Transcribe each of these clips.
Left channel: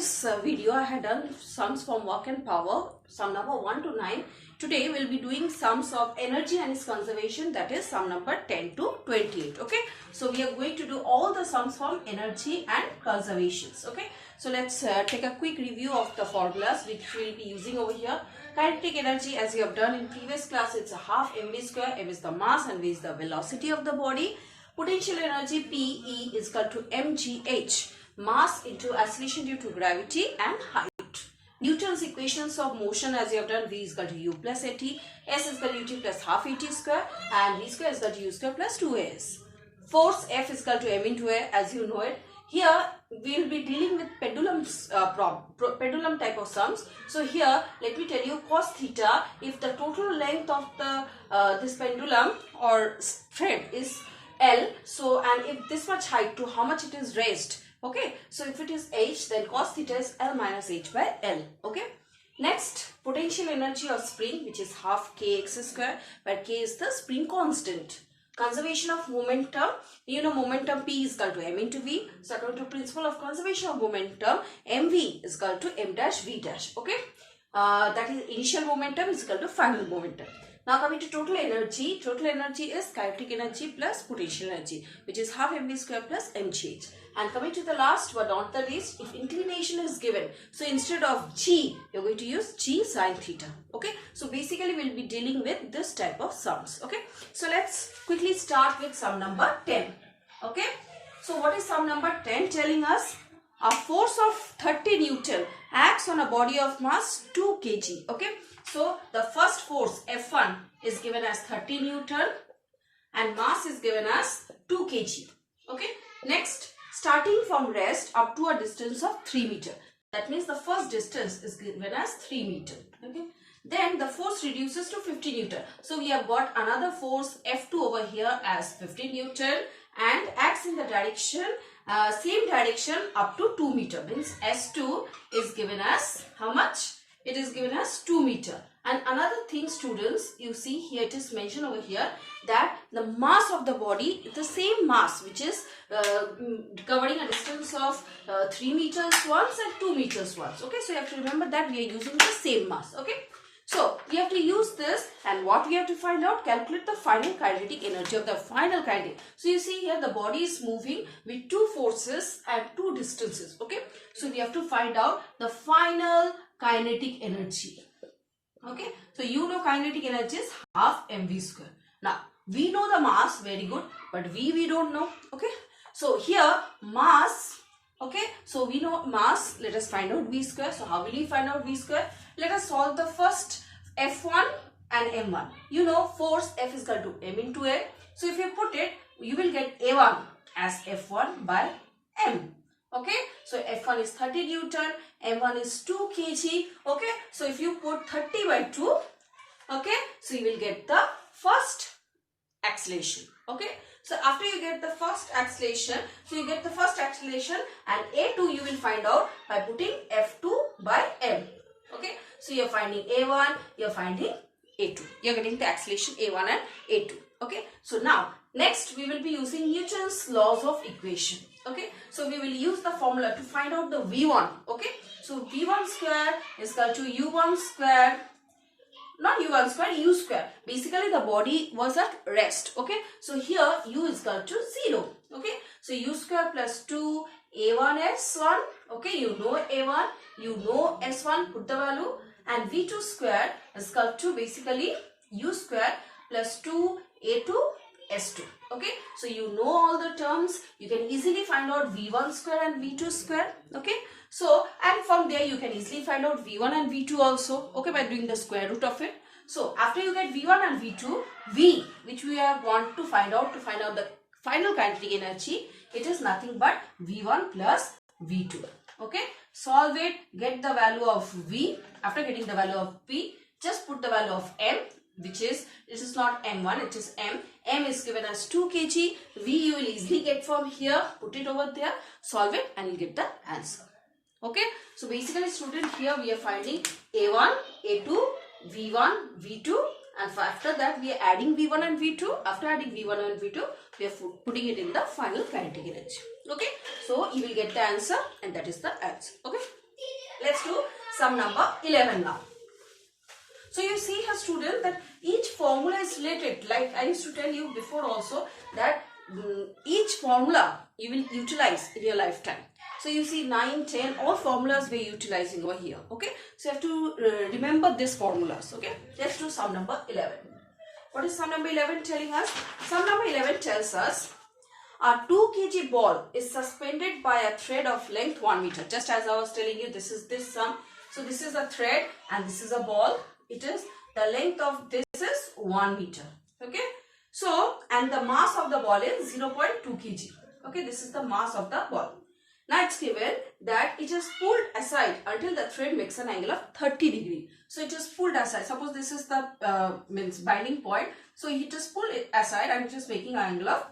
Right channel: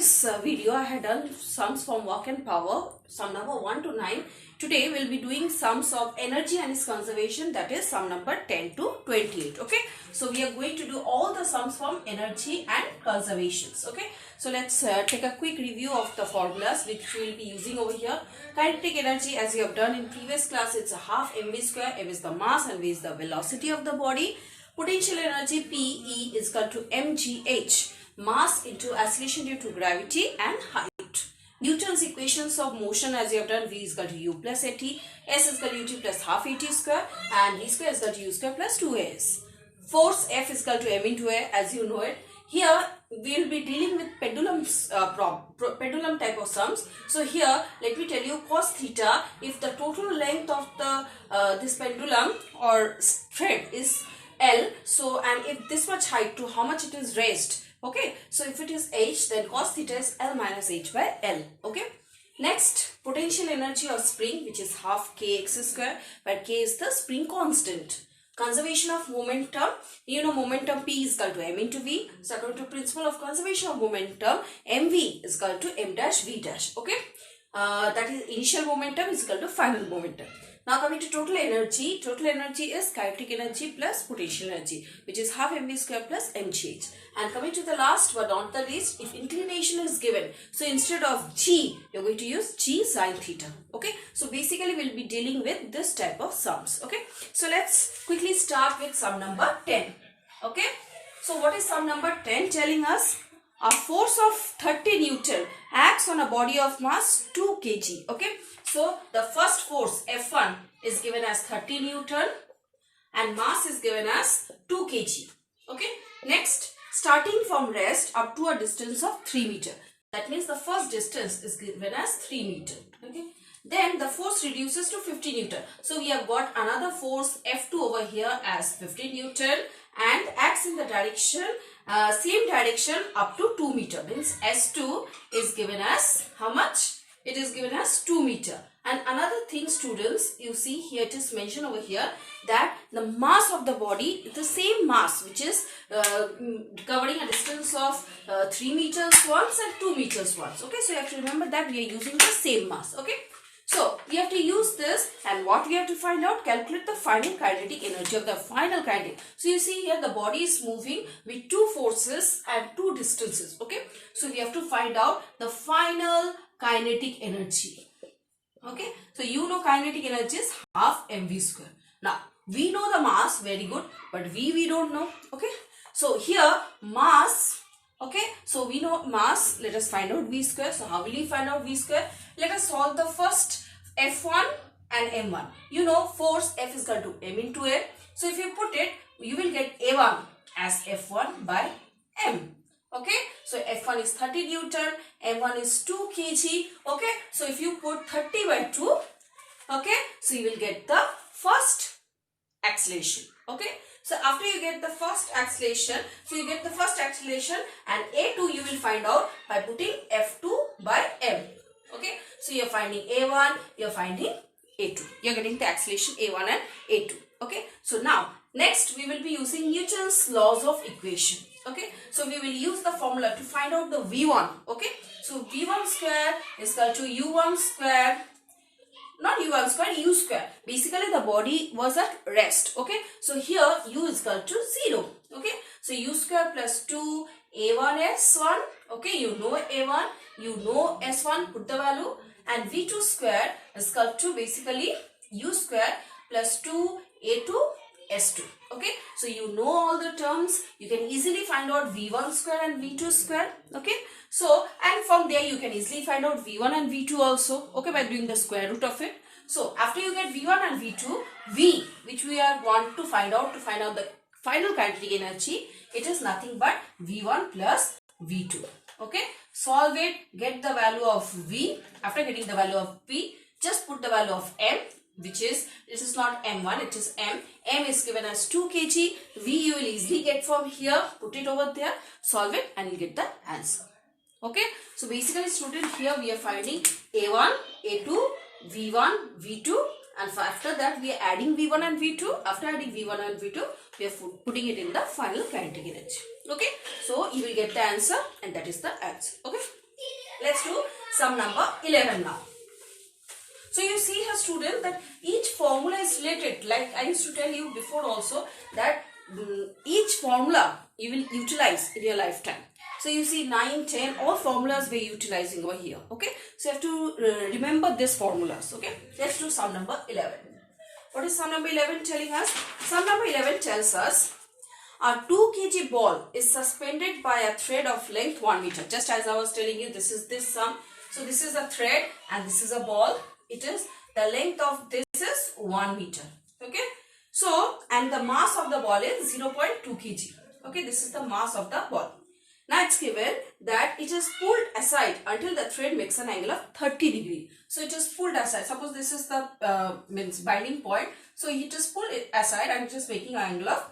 previous video I had done sums from work and power, sum number 1 to 9. Today we will be doing sums of energy and its conservation, that is sum number 10 to 28. Okay, so we are going to do all the sums from energy and conservations. Okay, so let's take a quick review of the formulas which we will be using over here. Kinetic energy, as you have done in previous class, it's a half mv square. M is the mass and v is the velocity of the body. Potential energy PE is equal to mgh, mass into acceleration due to gravity and height. Newton's equations of motion, as you have done, v is equal to u plus at, s is equal to ut plus half at square, and v square is equal to u square plus 2as. Force F is equal to m into a, as you know it. Here we will be dealing with pendulum type of sums. So here let me tell you, cos theta, if the total length of the this pendulum or thread is L, so and if this much height, to how much it is raised. Okay, so if it is h, then cos theta is L minus h by L. Okay, next, potential energy of spring, which is half kx square, where k is the spring constant. Conservation of momentum, you know momentum P is equal to m into v. So according to principle of conservation of momentum, mv is equal to m dash v dash. Okay, that is initial momentum is equal to final momentum. Now coming to total energy is kinetic energy plus potential energy, which is half mv square plus mgh. And coming to the last but not the least, if inclination is given, so instead of g, you're going to use g sine theta. Okay, so basically we'll be dealing with this type of sums. Okay, so let's quickly start with sum number 10. Okay, so what is sum number 10 telling us? A force of 30 Newton acts on a body of mass 2 kg. Okay, so the first force F1 is given as 30 Newton and mass is given as 2 kg. Okay, next, starting from rest up to a distance of 3 meter. That means the first distance is given as 3 meter. Okay, then the force reduces to 50 Newton. So we have got another force F2 over here as 50 Newton and acts in the direction same direction up to 2 meter, means S2 is given as how much? It is given as 2 meter. And another thing, students, you see here it is mentioned over here that the mass of the body is the same mass, which is covering a distance of 3 meters once and 2 meters once. Okay, so you have to remember that we are using the same mass. Okay, so we have to use this, and what we have to find out, calculate the final kinetic energy of the final kinetic. So you see here the body is moving with 2 forces and 2 distances. Okay, so we have to find out the final kinetic energy. Okay, so you know kinetic energy is half mv square. Now we know the mass, very good, but we don't know. Okay, so here mass. Okay, so we know mass. Let us find out v square. So how will we find out v square? Let us solve the first F1 and M1. You know force F is equal to m into a. So if you put it, you will get A1 as F1 by m. Okay, so F1 is 30 Newton, M1 is 2 kg. Okay, so if you put 30 by 2, okay, so you will get the first acceleration. Okay, so after you get the first acceleration, and A2 you will find out by putting F2 by m. Okay, so you are finding A1, you are finding A2. You are getting the acceleration A1 and A2. Okay, so now next we will be using Newton's laws of equation. Okay, so we will use the formula to find out the V1. Okay, so V1 square is equal to U1 square, not U1 square, U square. Basically the body was at rest. Okay, so here U is equal to 0. Okay, so U square plus 2 A1 S1. Okay, you know A1, you know S1, put the value, and V2 square is equal to basically U square plus 2 A2 S2. Okay, so you know all the terms. You can easily find out V1 square and V2 square. Okay, so and from there you can easily find out V1 and V2 also. Okay, by doing the square root of it. So after you get V1 and V2, V, which we are want to find out the final kinetic energy, it is nothing but V1 plus V2. Okay, solve it, get the value of V. After getting the value of V, just put the value of M, which is, it is not M1, it is M. M is given as 2 kg. V you will easily get from here. Put it over there, solve it, and you get the answer. Okay, so basically student, here we are finding A1, A2, V1, V2, and after that we are adding V1 and V2. After adding V1 and V2, we are putting it in the final kinetic energy. Okay, so you will get the answer, and that is the answer. Okay. Let's do sum number 11 now. So you see here student that each formula is related. Like I used to tell you before also that each formula you will utilize in your lifetime. So you see 9, 10, all formulas we're utilizing over here. Okay. So you have to remember these formulas. Okay. Let's do sum number 11. What is sum number 11 telling us? Sum number 11 tells us a 2 kg ball is suspended by a thread of length 1 meter. Just as I was telling you, this is this sum. So this is a thread and this is a ball. It is the length of this is 1 meter. Okay. So, and the mass of the ball is 0.2 kg. Okay. This is the mass of the ball. Now it's given that it is pulled aside until the thread makes an angle of 30 degree. So it is pulled aside. Suppose this is the binding point. So it is pulled aside and it is making an angle of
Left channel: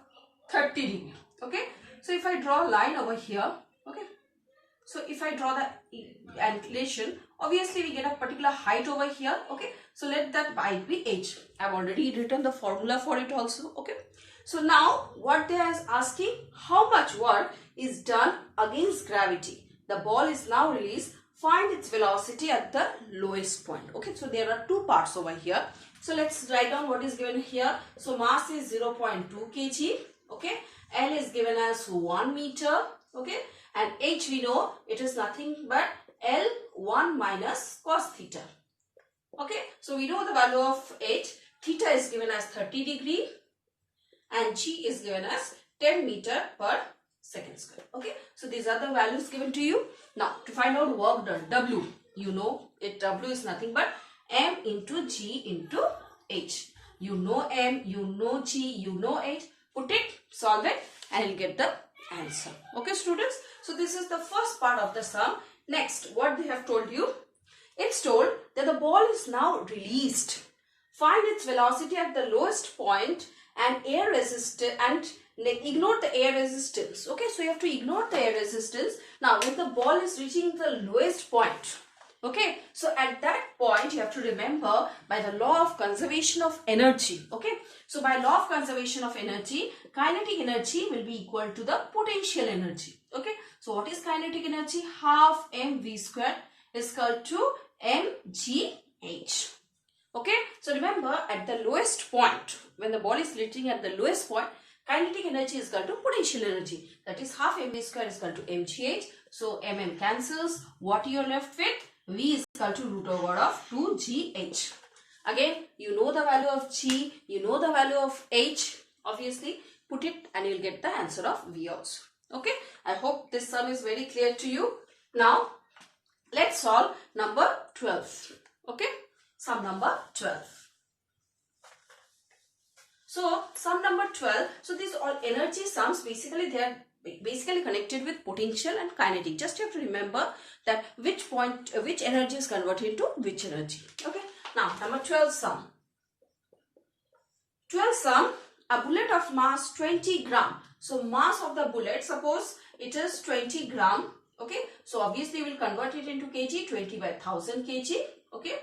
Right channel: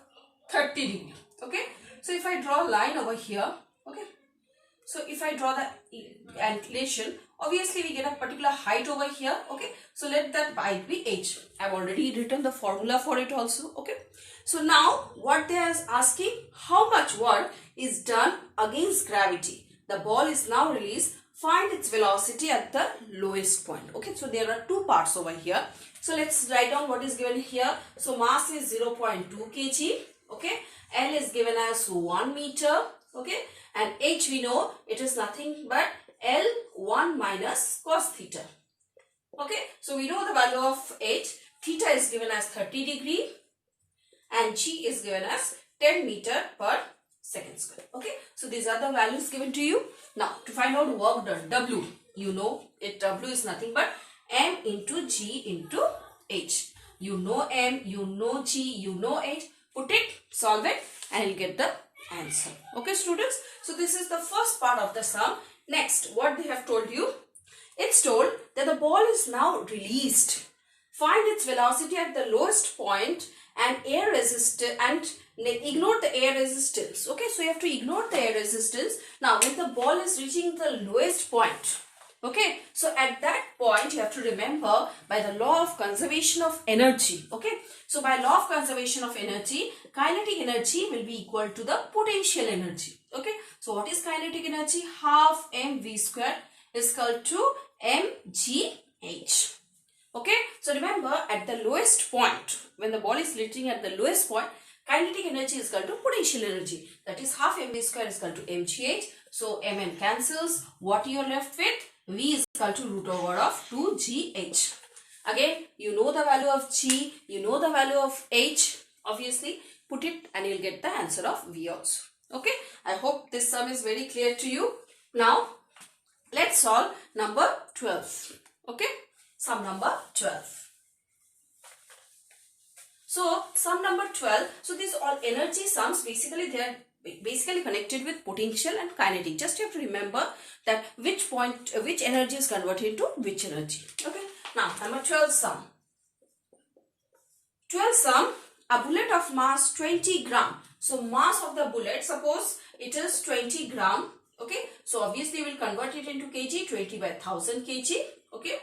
30 degree. Okay. So if I draw a line over here. Okay. So if I draw the inclination, obviously we get a particular height over here. Okay. So let that height be h. I have already written the formula for it also. Okay. So now what they are asking, how much work is done against gravity. The ball is now released. Find its velocity at the lowest point. Okay. So there are two parts over here. So let's write down what is given here. So mass is 0.2 kg. Okay. L is given as 1 meter. Okay. And h we know it is nothing but L1 minus cos theta. Okay. So we know the value of h. Theta is given as 30 degree. And g is given as 10 meter per second square. Okay. So these are the values given to you. Now to find out work done, W, you know it, W is nothing but M into G into H. You know M, you know G, you know H. Put it, solve it and you get the answer. Okay students. So this is the first part of the sum. Next, what they have told you. It's told that the ball is now released. Find its velocity at the lowest point and air resistance and ignore the air resistance. Okay, so you have to ignore the air resistance. Now when the ball is reaching the lowest point, okay, so at that point you have to remember by the law of conservation of energy. Okay, so by law of conservation of energy, kinetic energy will be equal to the potential energy. Okay, so what is kinetic energy? Half mv square is equal to mgh. Okay, so remember at the lowest point, when the ball is reaching at the lowest point, kinetic energy is equal to potential energy. That is half mv square is equal to mgh. So mn cancels. What you are left with? V is equal to root over of 2gh. Again, you know the value of g, you know the value of h. Obviously, put it and you'll get the answer of V also. Okay, I hope this sum is very clear to you. Now, let's solve number 12. Okay. Sum number 12. So, sum number 12. So, these all energy sums, basically they are basically connected with potential and kinetic. Just you have to remember that which energy is converted into which energy. Okay. Now, number 12 sum. 12 sum, a bullet of mass 20 gram. So, mass of the bullet, suppose it is 20 gram. Okay. So, obviously we will convert it into kg, 20 by 1000 kg. Okay.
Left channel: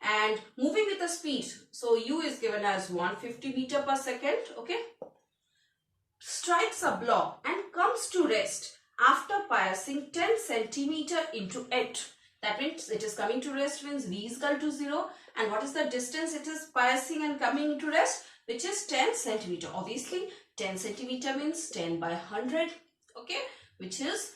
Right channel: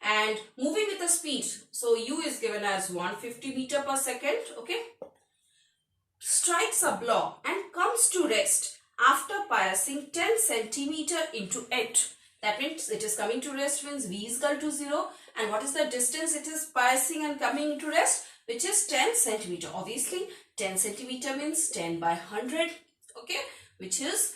And moving with the speed, so u is given as 150 meter per second. Okay, strikes a block and comes to rest after passing 10 centimeter into it. That means it is coming to rest, means v is equal to 0. And what is the distance it is passing and coming into rest, which is 10 centimeter. Obviously 10 centimeter means 10 by 100. Okay, which is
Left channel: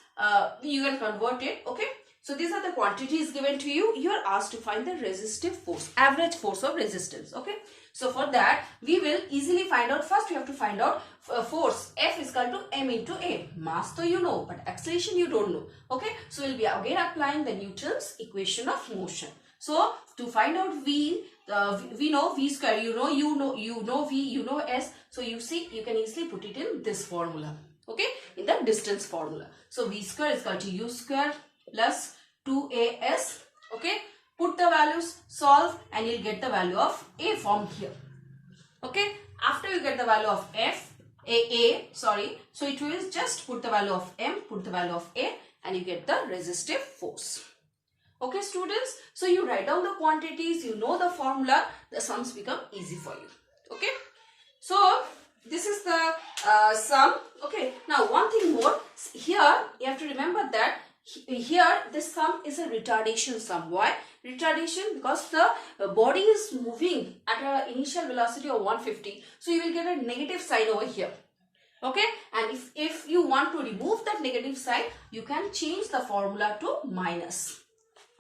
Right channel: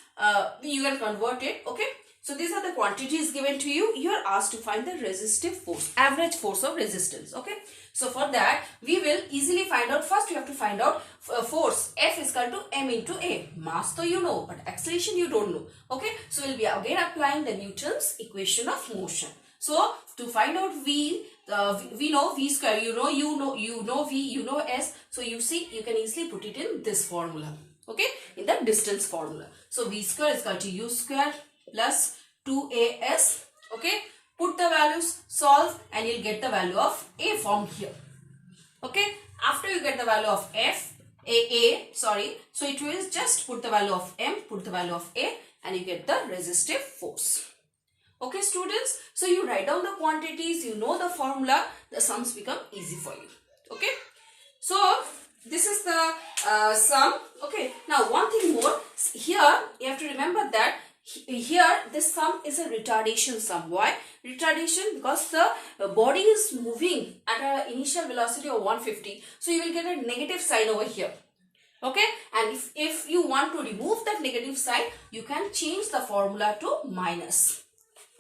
you can convert it. Okay. So these are the quantities given to you. You are asked to find the resistive force, average force of resistance. Okay. So for that, we will easily find out. First, we have to find out force. F is equal to m into a. Mass, though you know, but acceleration you don't know. Okay. So we'll be again applying the Newton's equation of motion. So to find out v, we know v square. You know v, you know s. So you see, you can easily put it in this formula. Okay, in the distance formula. So v square is equal to u square plus 2as. Okay, put the values, solve, and you'll get the value of a from here. Okay, after you get the value of so it will just put the value of m, put the value of a, and you get the resistive force. Okay students, so you write down the quantities, you know the formula, the sums become easy for you. Okay, so this is the sum. Okay, now one thing more, here you have to remember that Here this sum is a retardation sum. Why? Retardation because the body is moving at an initial velocity of 150. So you will get a negative sign over here. Okay, and if you want to remove that negative sign, you can change the formula to minus.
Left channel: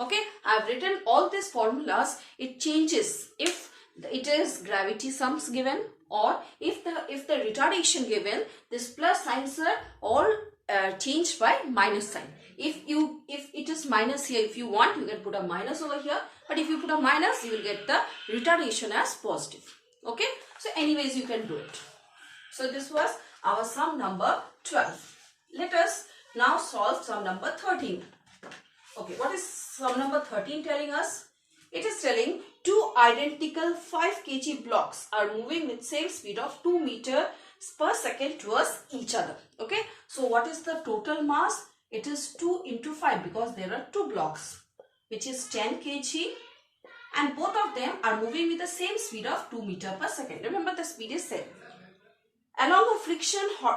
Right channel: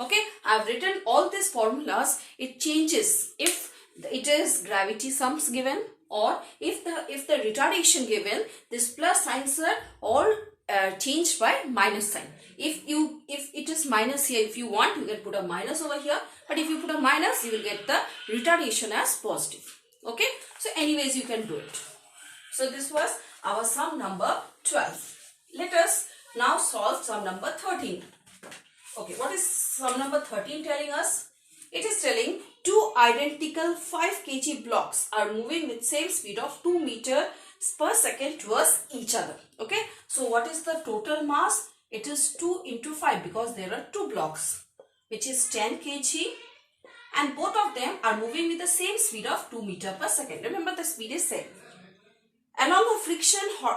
Okay, I have written all these formulas. It changes if it is gravity sums given, or if the retardation given, this plus signs are all changed by minus sign. If it is minus here, if you want, you can put a minus over here, but if you put a minus, you will get the retardation as positive. Okay, so anyways you can do it. So this was our sum number 12. Let us now solve sum number 13. Okay, what is sum number 13 telling us? It is telling two identical 5 kg blocks are moving with same speed of 2 meters per second towards each other. Okay, so what is the total mass? It is 2 into 5 because there are two blocks, which is 10 kg, and both of them are moving with the same speed of 2 meters per second. Remember, the speed is same. Along a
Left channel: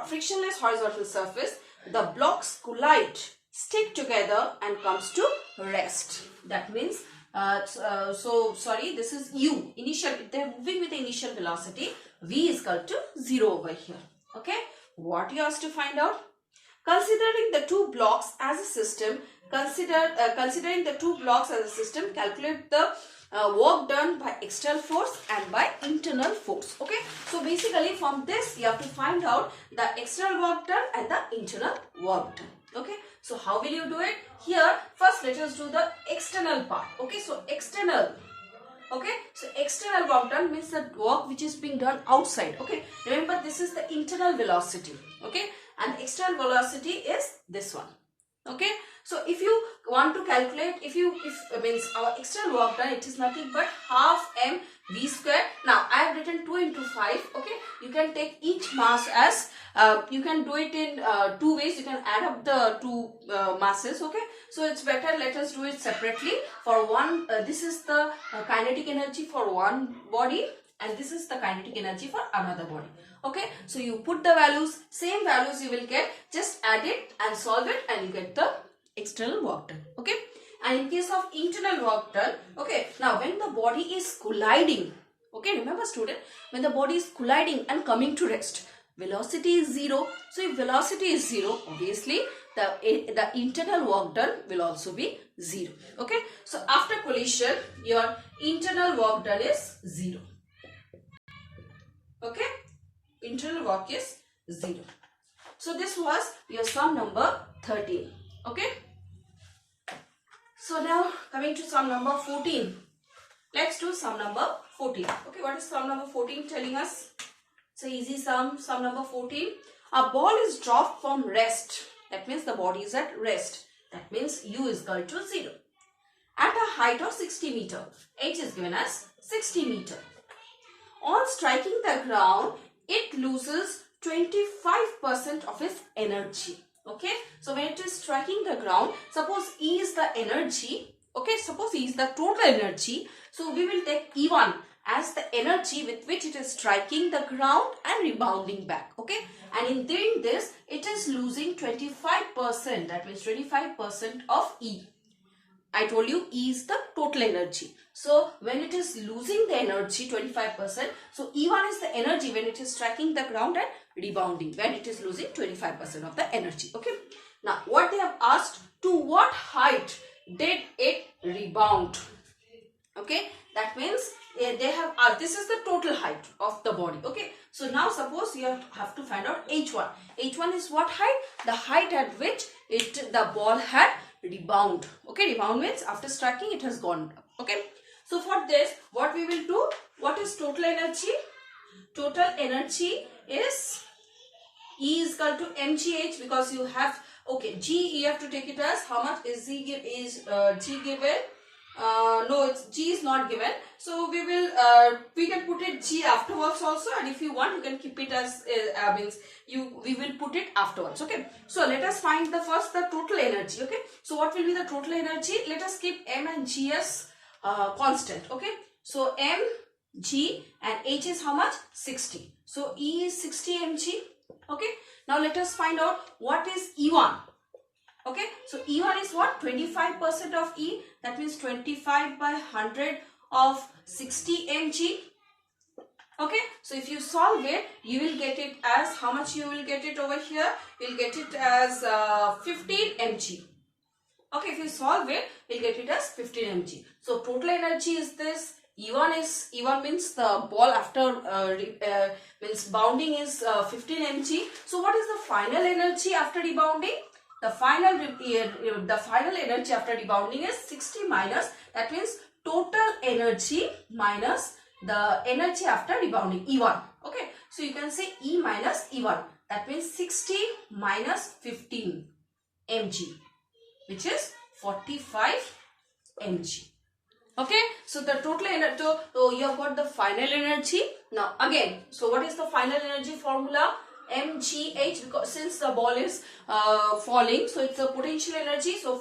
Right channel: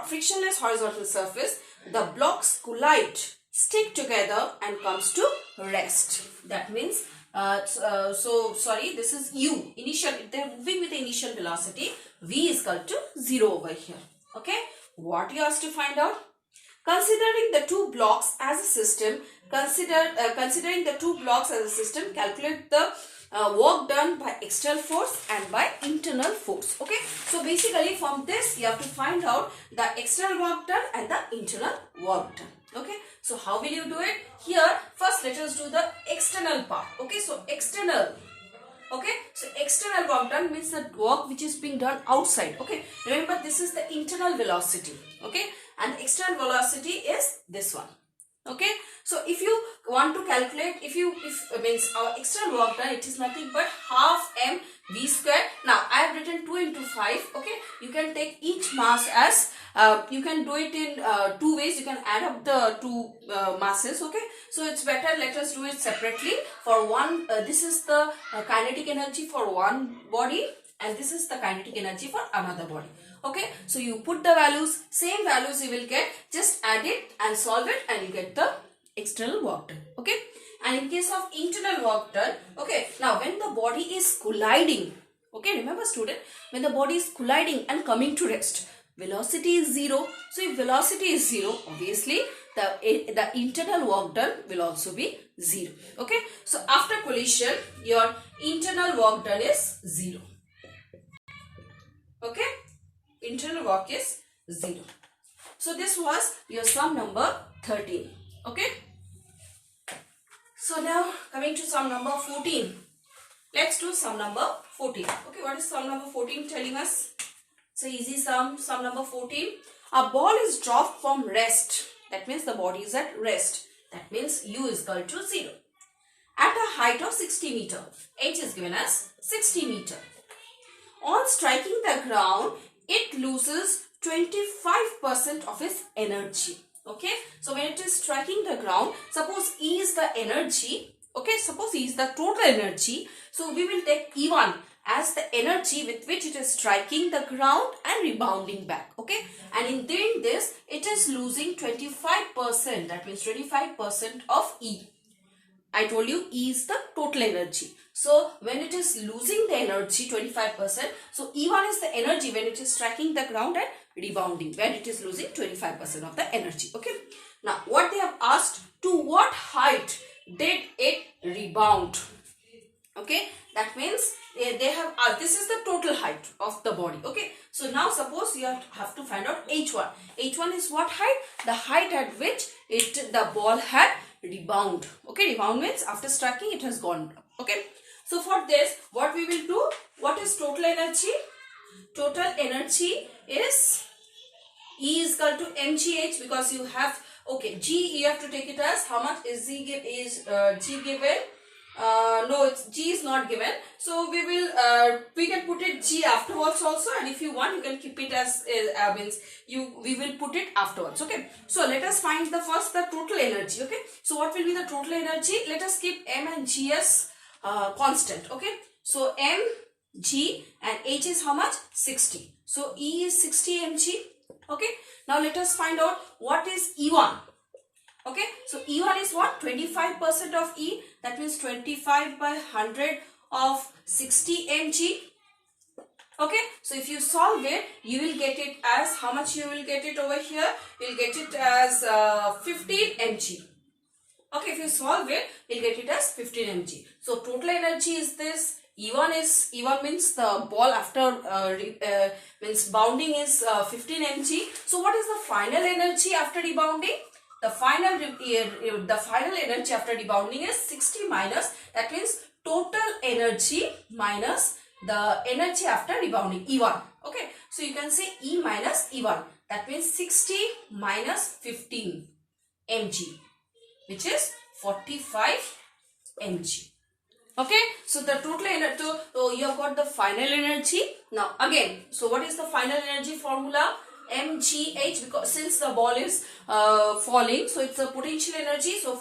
frictionless horizontal surface, the blocks collide, stick together and comes to rest. That means, this is U. Initial, they are moving with the initial velocity. V is equal to 0 over here. Okay. What you asked to find out? Considering the two blocks as a system, considering the two blocks as a system, calculate the work done by external force and by internal force. Okay, so basically from this you have to find out the external work done and the internal work done. Okay, so how will you do it? Here first let us do the external part. Okay, so external. Okay, so external work done means the work which is being done outside. Okay, remember this is the internal velocity. Okay, and external velocity is this one. Okay, so if you want to calculate, if means our external work done, it is nothing but half mv square. Now I have written 2 into 5. Okay, you can take each mass as you can do it in two ways. You can add up the two masses. Okay, so it's better let us do it separately. For one, this is the kinetic energy for one body, and this is the kinetic energy for another body. Okay, so you put the values, same values you will get, just add it and solve it and you get the external work done. Okay, and in case of internal work done, okay, now when the body is colliding, okay, remember student, when the body is colliding and coming to rest, velocity is 0. So if velocity is 0, obviously the internal work done will also be 0. Okay, so after collision, your internal work done is 0. Okay, internal work is 0. So this was your sum number 13. Okay, so now coming to sum number 14. Let's do sum number 14. Okay, what is sum number 14 telling us? It's an easy sum. Sum number 14. A ball is dropped from rest. That means the body is at rest. That means U is equal to 0. At a height of 60 meter. H is given as 60 meter. On striking the ground, it loses 25% of its energy. Okay, so when it is striking the ground, suppose E is the energy. Okay, suppose E is the total energy. So we will take E1 as the energy with which it is striking the ground and rebounding back. Okay, and in doing this, it is losing 25%. That means 25% of E. I told you E is the total energy. So when it is losing the energy 25%, so E1 is the energy when it is striking the ground and rebounding, when it is losing 25% of the energy. Okay. Now what they have asked, to what height did it rebound? Okay, that means they have this is the total height of the body. Okay, so now suppose you have to find out H1. H1 is what height? The height at which the ball had rebound. Okay, rebound means after striking it has gone up. Okay, so for this what we will do, what is total energy? Total energy is E is equal to mgh, because you have, okay, G you have to take it as how much is G given? No, G is not given. So we can put it G afterwards also, and if you want you can keep it as we will put it afterwards. Okay, so let us find the total energy. Okay, so what will be the total energy? Let us keep M and G as constant. Okay, so M, G and H is how much? 60. So E is 60 mg. Okay, now let us find out what is E1. Okay, so E1 is what? 25% of E. That means 25 by 100 of 60 mg. Okay, so if you solve it, you will get it as, how much you will get it over here? You will get it as 15 mg. Okay, if you solve it, you'll get it as 15 mg. So total energy is this. E1 means the ball after means bounding is 15 mg. So what is the final energy after rebounding? The final energy after rebounding is 60 minus, that means total energy minus the energy after rebounding, E1. Okay, so you can say E minus E1. That means 60 minus 15 mg, which is 45 mg. Okay, so the total energy, so you have got the final energy. Now again, so what is the final energy formula? mgh, because since the ball is falling, so it's a potential energy. So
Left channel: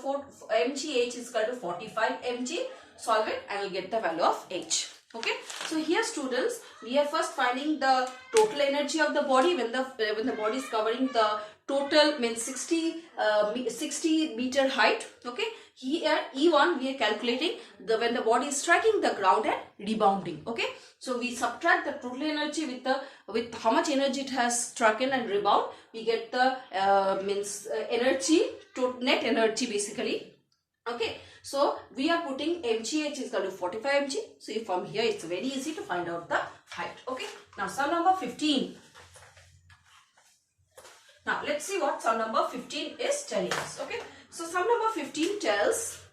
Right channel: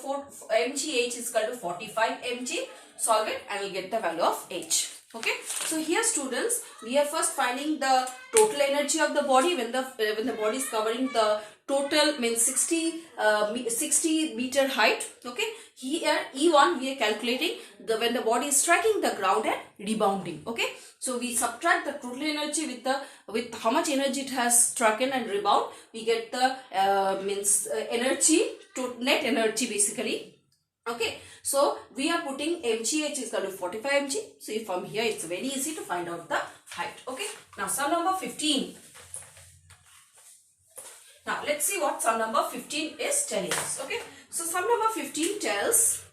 mgh is equal to 45 mg. Solve it and you'll get the value of h. Okay, so here students, we are first finding the total energy of the body when the body is covering the total, means 60 meter height. Okay, here E1 we are calculating when the body is striking the ground and rebounding. Okay, so we subtract the total energy with how much energy it has struck in and rebound. We get the energy, net energy basically. Okay, so we are putting mgh is equal to 45 mg. So from here it's very easy to find out the height. Okay, now sum number 15. Now let's see what sum number 15 is telling us. Okay, so sum number 15 tells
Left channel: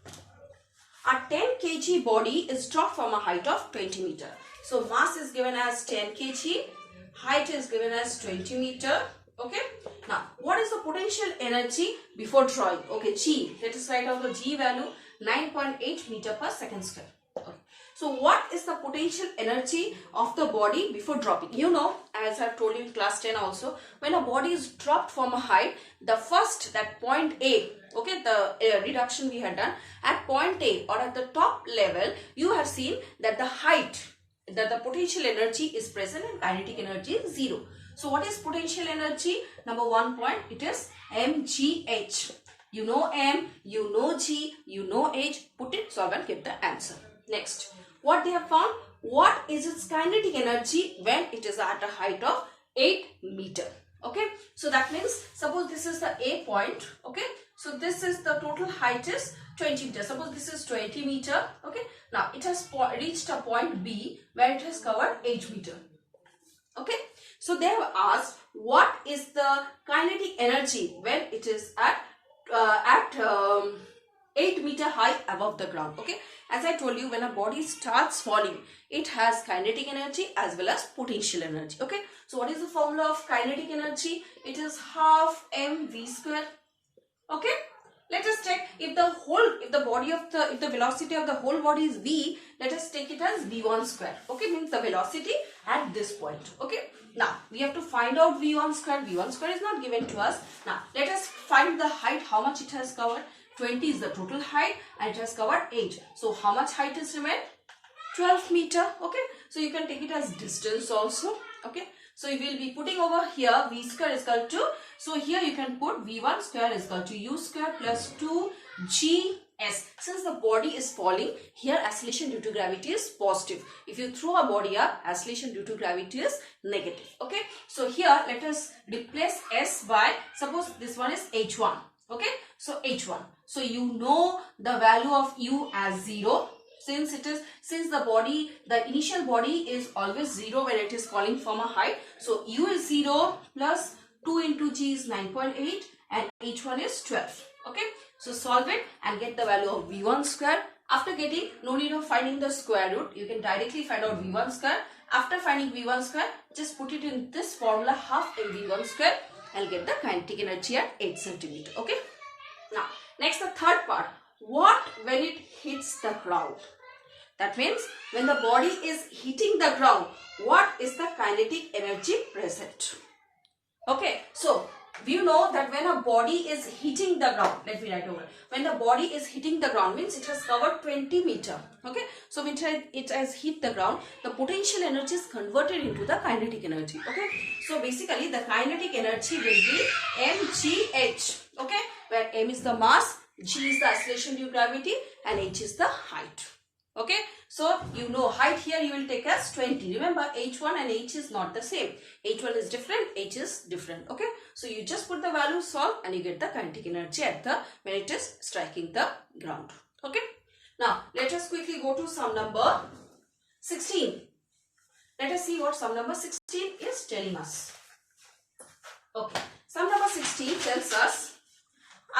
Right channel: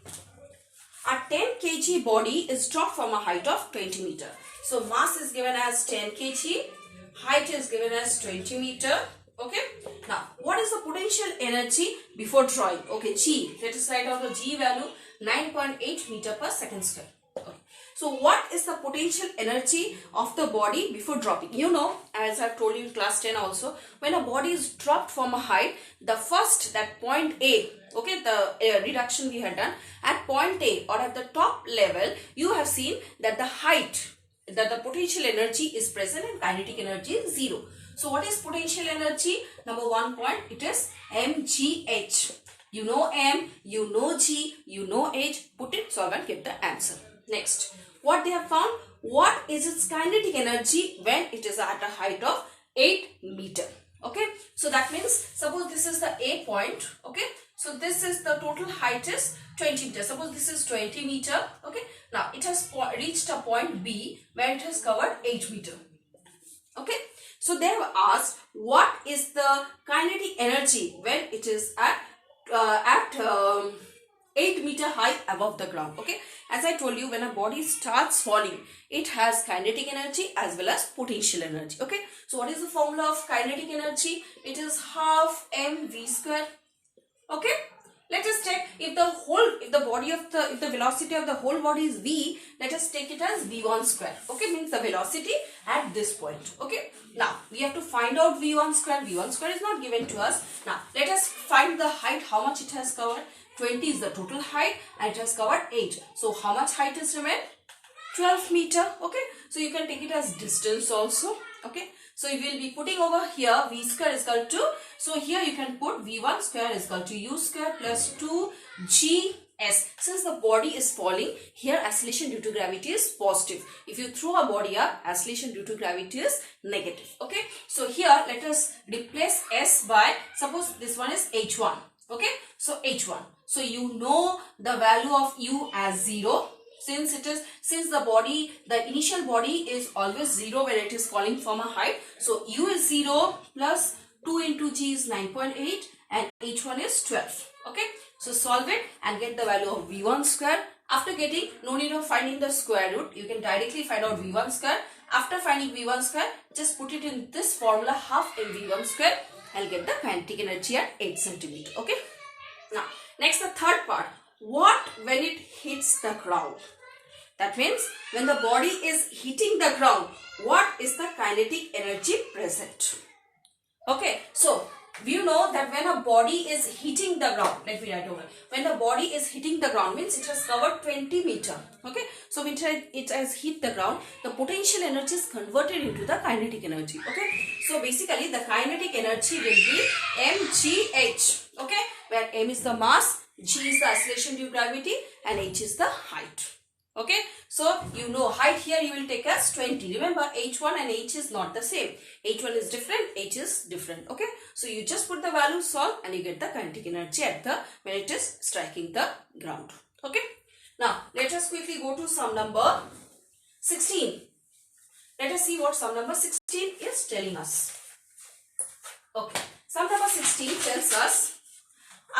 a 10 kg body is dropped from a height of 20 meter. So mass is given as 10 kg, height is given as 20 meter. Okay, now what is the potential energy before drawing? Okay, G, let us write down the G value, 9.8 meter per second square. Okay. So what is the potential energy of the body before dropping? You know, as I told you in class 10 also, when a body is dropped from a height, the first, that point A, okay, the reduction we had done, at point A or at the top level, you have seen that the height, that the potential energy is present and kinetic energy is 0. So what is potential energy? Number 1 point, it is mgh. You know m, you know g, you know h. Put it, solve and get the answer. Next, what they have found? What is its kinetic energy when it is at a height of 8 meter? Okay, so that means suppose this is the A point. Okay, so this is the total height is 20 meter. Suppose this is 20 meter. Okay, now it has reached a point B where it has covered 8 meter. Okay, so they have asked what is the kinetic energy when it is at 8 meter height above the ground. Okay, as I told you, when a body starts falling, it has kinetic energy as well as potential energy. Okay, so what is the formula of kinetic energy? It is half mv square. Okay, let us check if the velocity of the whole body is v, let us take it as v1 square. Okay, means the velocity at this point. Okay, now we have to find out v1 square. v1 square is not given to us. Now let us find the height, how much it has covered. 20 is the total height and it has covered 8. So how much height is remained? 12 meter. Okay, so you can take it as distance also. Okay, so you will be putting over here v square is equal to, so here you can put v1 square is equal to u square plus 2gs. Since the body is falling, here acceleration due to gravity is positive. If you throw a body up, acceleration due to gravity is negative. Okay, so here let us replace s by, suppose this one is h1. Okay, so h1. So you know the value of u as 0. Since the initial body is always 0 when it is falling from a height. So u is 0 plus 2 into g is 9.8 and h1 is 12. Okay, so solve it and get the value of v1 square. After getting, no need of finding the square root. You can directly find out v1 square. After finding v1 square, just put it in this formula, half mv1 square, and get the kinetic energy at 8 centimeter. Okay. Now, next the third part. What when it hits the ground? That means when the body is hitting the ground, what is the kinetic energy present? Okay, so we know that when a body is hitting the ground, let me write over. When the body is hitting the ground means it has covered 20 meter. Okay, so when it has hit the ground, the potential energy is converted into the kinetic energy. Okay, so basically the kinetic energy will be mgh. Okay, where m is the mass, g is the acceleration due to gravity, and h is the height. Okay, so you know height here you will take as 20. Remember, h1 and h is not the same. h1 is different, h is different. Okay, so you just put the value, solve, and you get the kinetic energy at the when it is striking the ground. Okay, now let us quickly go to sum number 16. Let us see what sum number 16 is telling us. Okay, sum number 16 tells us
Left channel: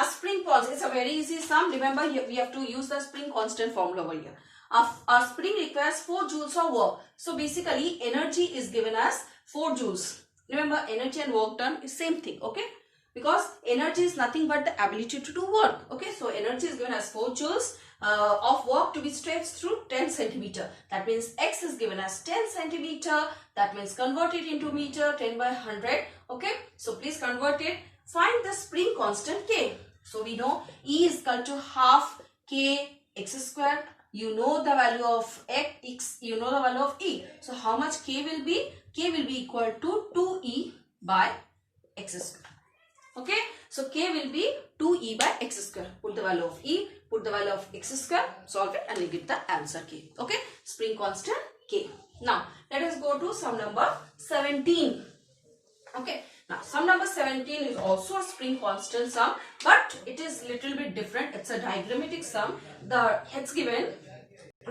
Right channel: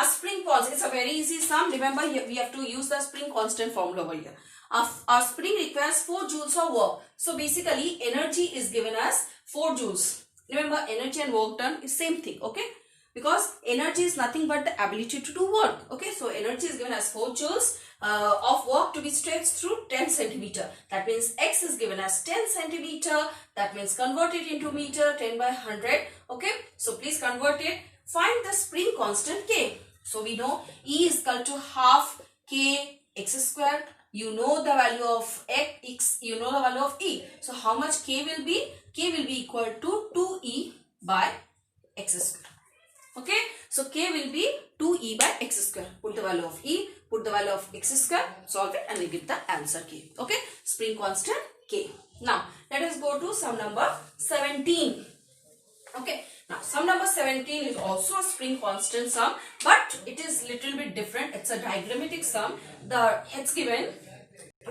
a spring constant. It's a very easy sum. Remember, we have to use the spring constant formula over here. Our spring requires 4 joules of work. So basically, energy is given as 4 joules. Remember, energy and work done is same thing. Okay, because energy is nothing but the ability to do work. Okay, so energy is given as 4 joules of work to be stretched through 10 centimeter. That means x is given as 10 centimeter. That means convert it into meter, 10 by 100. Okay, so please convert it. Find the spring constant k. So we know E is equal to half k x squared. You know the value of x, you know the value of E. So how much k will be? K will be equal to 2e by x squared. Okay, so k will be 2e by x square. Put the value of e, put the value of x square, solve it, and you get the answer k. Okay, spring constant k. Now let us go to sum number 17. Okay, now sum number 17 is also a spring constant sum, but it is little bit different. It's a diagrammatic sum. It's given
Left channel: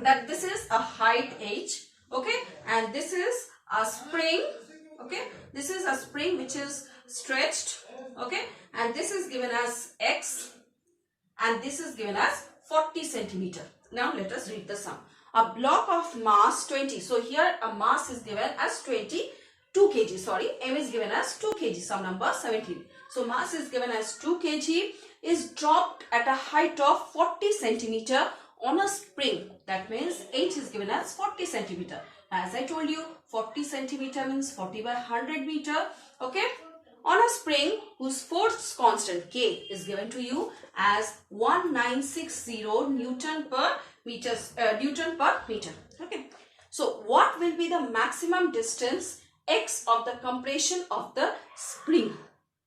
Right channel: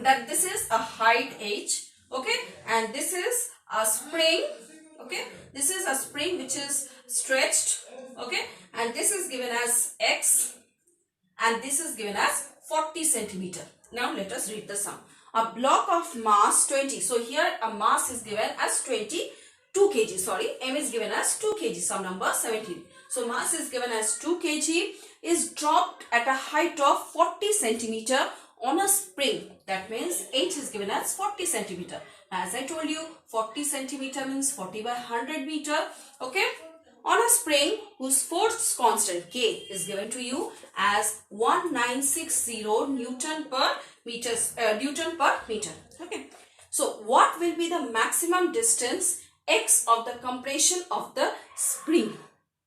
that this is a height h. Okay, and this is a spring. Okay, this is a spring which is stretched. Okay, and this is given as x, and this is given as 40 centimeter. Now let us read the sum. A block of mass 20. So here a mass is given as 22 kg. Sorry, m is given as 2 kg. Sum number 17. So mass is given as 2 kg is dropped at a height of 40 centimeter on a spring. That means h is given as 40 centimeter. As I told you, 40 centimeter means 40 by 100 meter. Okay, on a spring whose force constant k is given to you as 1960 Newton per meter. Okay, so what will be the maximum distance x of the compression of the spring?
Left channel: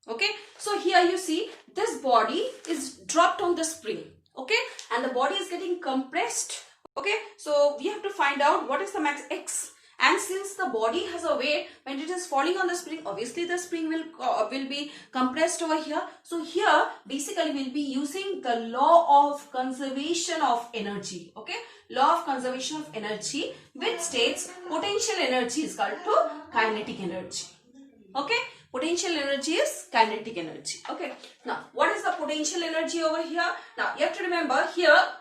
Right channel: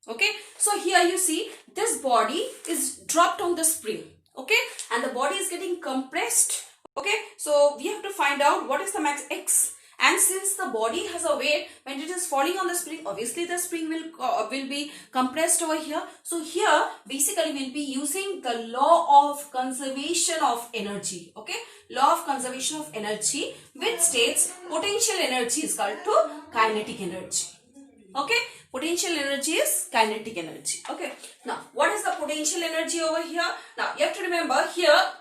Okay, so here you see this body is dropped on the spring. Okay, and the body is getting compressed. Okay, so we have to find out what is the max x. And since the body has a weight, when it is falling on the spring, obviously the spring will be compressed over here. So here basically we'll be using the law of conservation of energy. Okay, law of conservation of energy, which states potential energy is equal to kinetic energy. Okay, potential energy is kinetic energy. Okay, now what is the potential energy over here? Now you have to remember here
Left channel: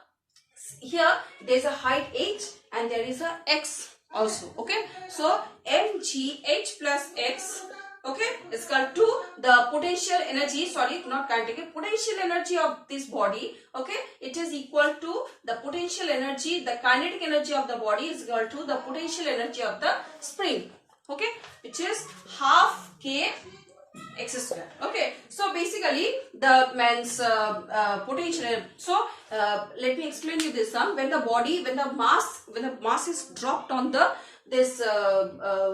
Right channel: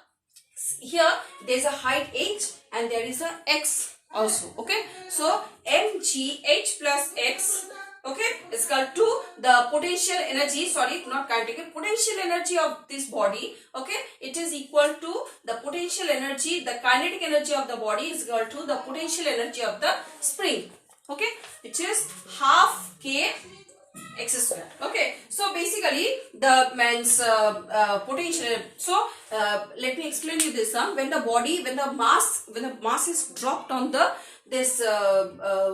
there is a height h and there is a x also. Okay, so mgh plus x, okay, is equal to the potential energy, sorry, not kinetic, potential energy of this body. Okay, it is equal to the potential energy, the kinetic energy of the body is equal to the potential energy of the spring. Okay, which is half k x square. Okay, so basically the man's potential. So let me explain you this sum. When the mass is dropped on this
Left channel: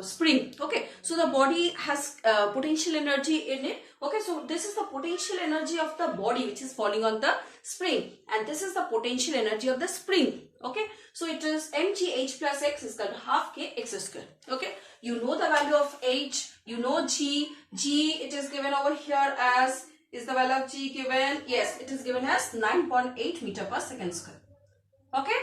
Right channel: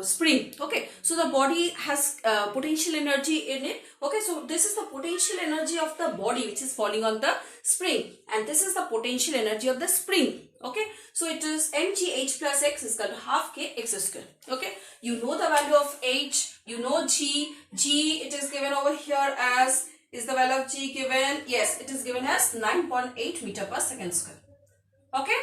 spring. Okay, so the body has potential energy in it. Okay, so this is the potential energy of the body which is falling on the spring, and this is the potential energy of the spring. Okay, so it is mgh plus x is equal to half k x square. Okay, you know the value of h, you know g it is given over here as, is the value of g given? Yes, it is given as 9.8 meter per second square. Okay,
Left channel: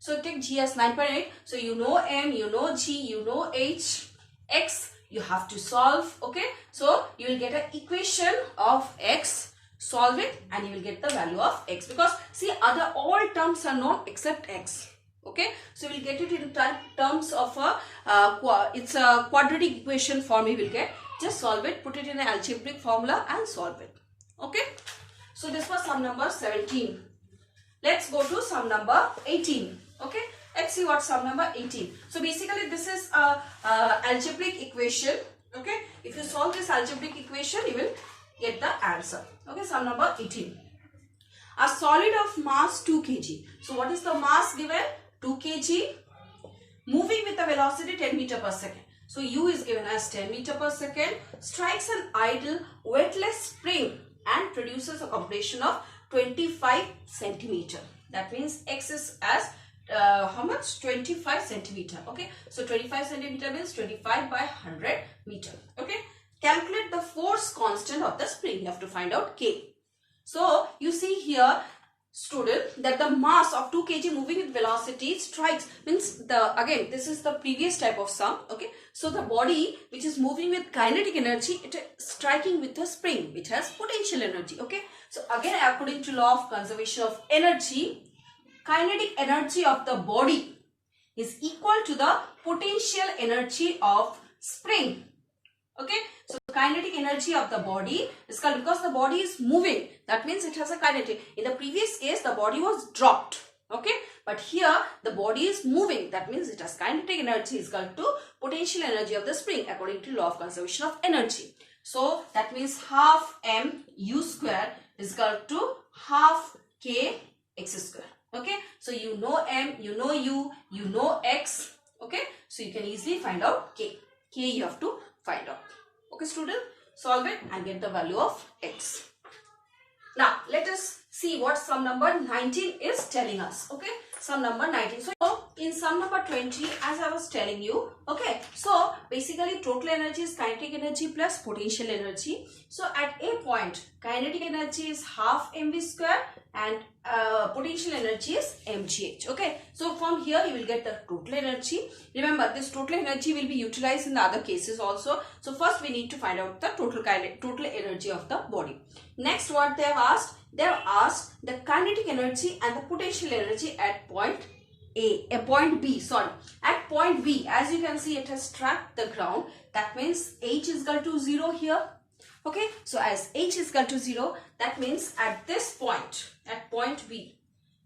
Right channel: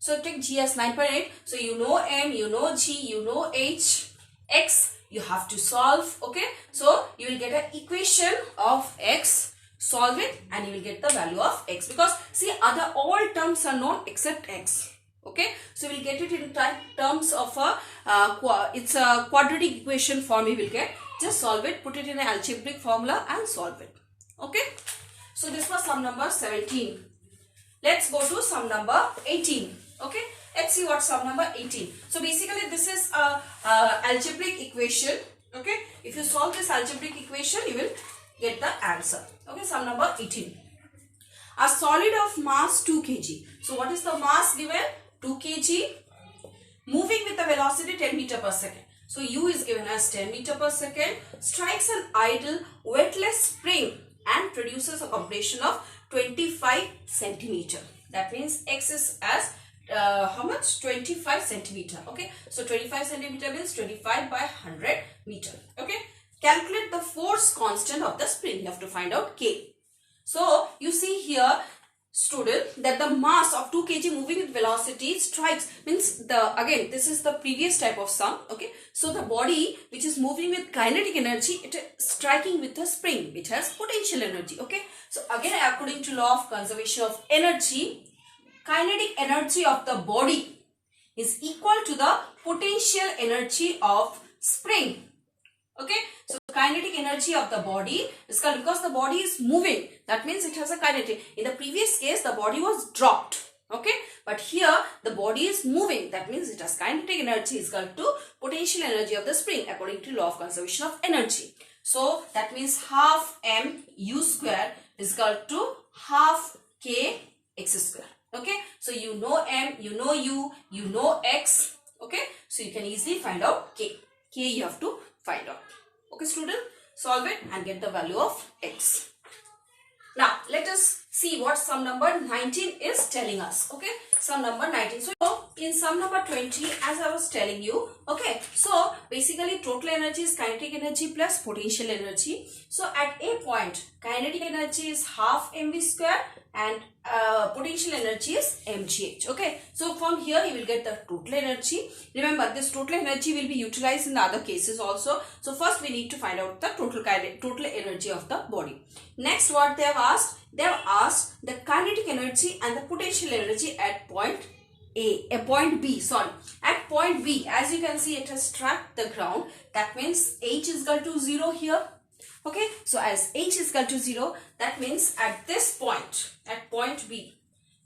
so take g as 9.8. So you know m, you know g, you know h, x you have to solve. Okay, so you will get an equation of x, solve it, and you will get the value of x, because see all terms are known except x. Okay, so we will get it in terms of it's a quadratic equation form you will get. Just solve it, put it in an algebraic formula and solve it. Okay, so this was sum number 17. Let's go to sum number 18. Okay, let's see what sum number 18. So basically this is a algebraic equation. Okay, if you solve this algebraic equation you will get the answer. Okay, sum number 18. A solid of mass 2 kg. So what is the mass given? 2 kg, moving with a velocity 10 meter per second. So u is given as 10 meter per second, strikes an idle weightless spring and produces a compression of 25 centimeter. That means X is as how much? 25 centimeter. Okay, so 25 centimeter means 25 by 100 meter. Okay, calculate the force constant of the spring. You have to find out K. So you see here, student, that the mass of 2 kg moving with velocity strikes, means the, again this is the previous type of sum. Okay, so the body which is moving with kinetic energy, it is striking with a spring which has potential energy. Okay, so again according to law of conservation of energy, kinetic energy of the body is equal to the potential energy of spring. Okay, so kinetic energy of the body is called, because the body is moving, that means it has a kinetic. In the previous case, the body was dropped. Okay, but here the body is moving, that means it has kinetic energy is equal to potential energy of the spring according to law of conservation of energy. So that means half mu square is equal to half k x square. Okay, so you know m, you know u, you know x. Okay, so you can easily find out k. K you have to find out. Okay, student, solve it and get the value of x. Now let us see what sum number 19 is telling us. Okay, sum number 19. So in sum number 20, as I was telling you, okay, so basically total energy is kinetic energy plus potential energy. So at a point, kinetic energy is half mv square and potential energy is mgh. Okay, so from here you will get the total energy. Remember, this total energy will be utilized in other cases also. So first we need to find out the total energy of the body. Next, what they have asked? They have asked the kinetic energy and the potential energy at point point B, sorry. At point B, as you can see, it has struck the ground. That means H is equal to 0 here. Okay, so as H is equal to 0, that means at this point, at point B.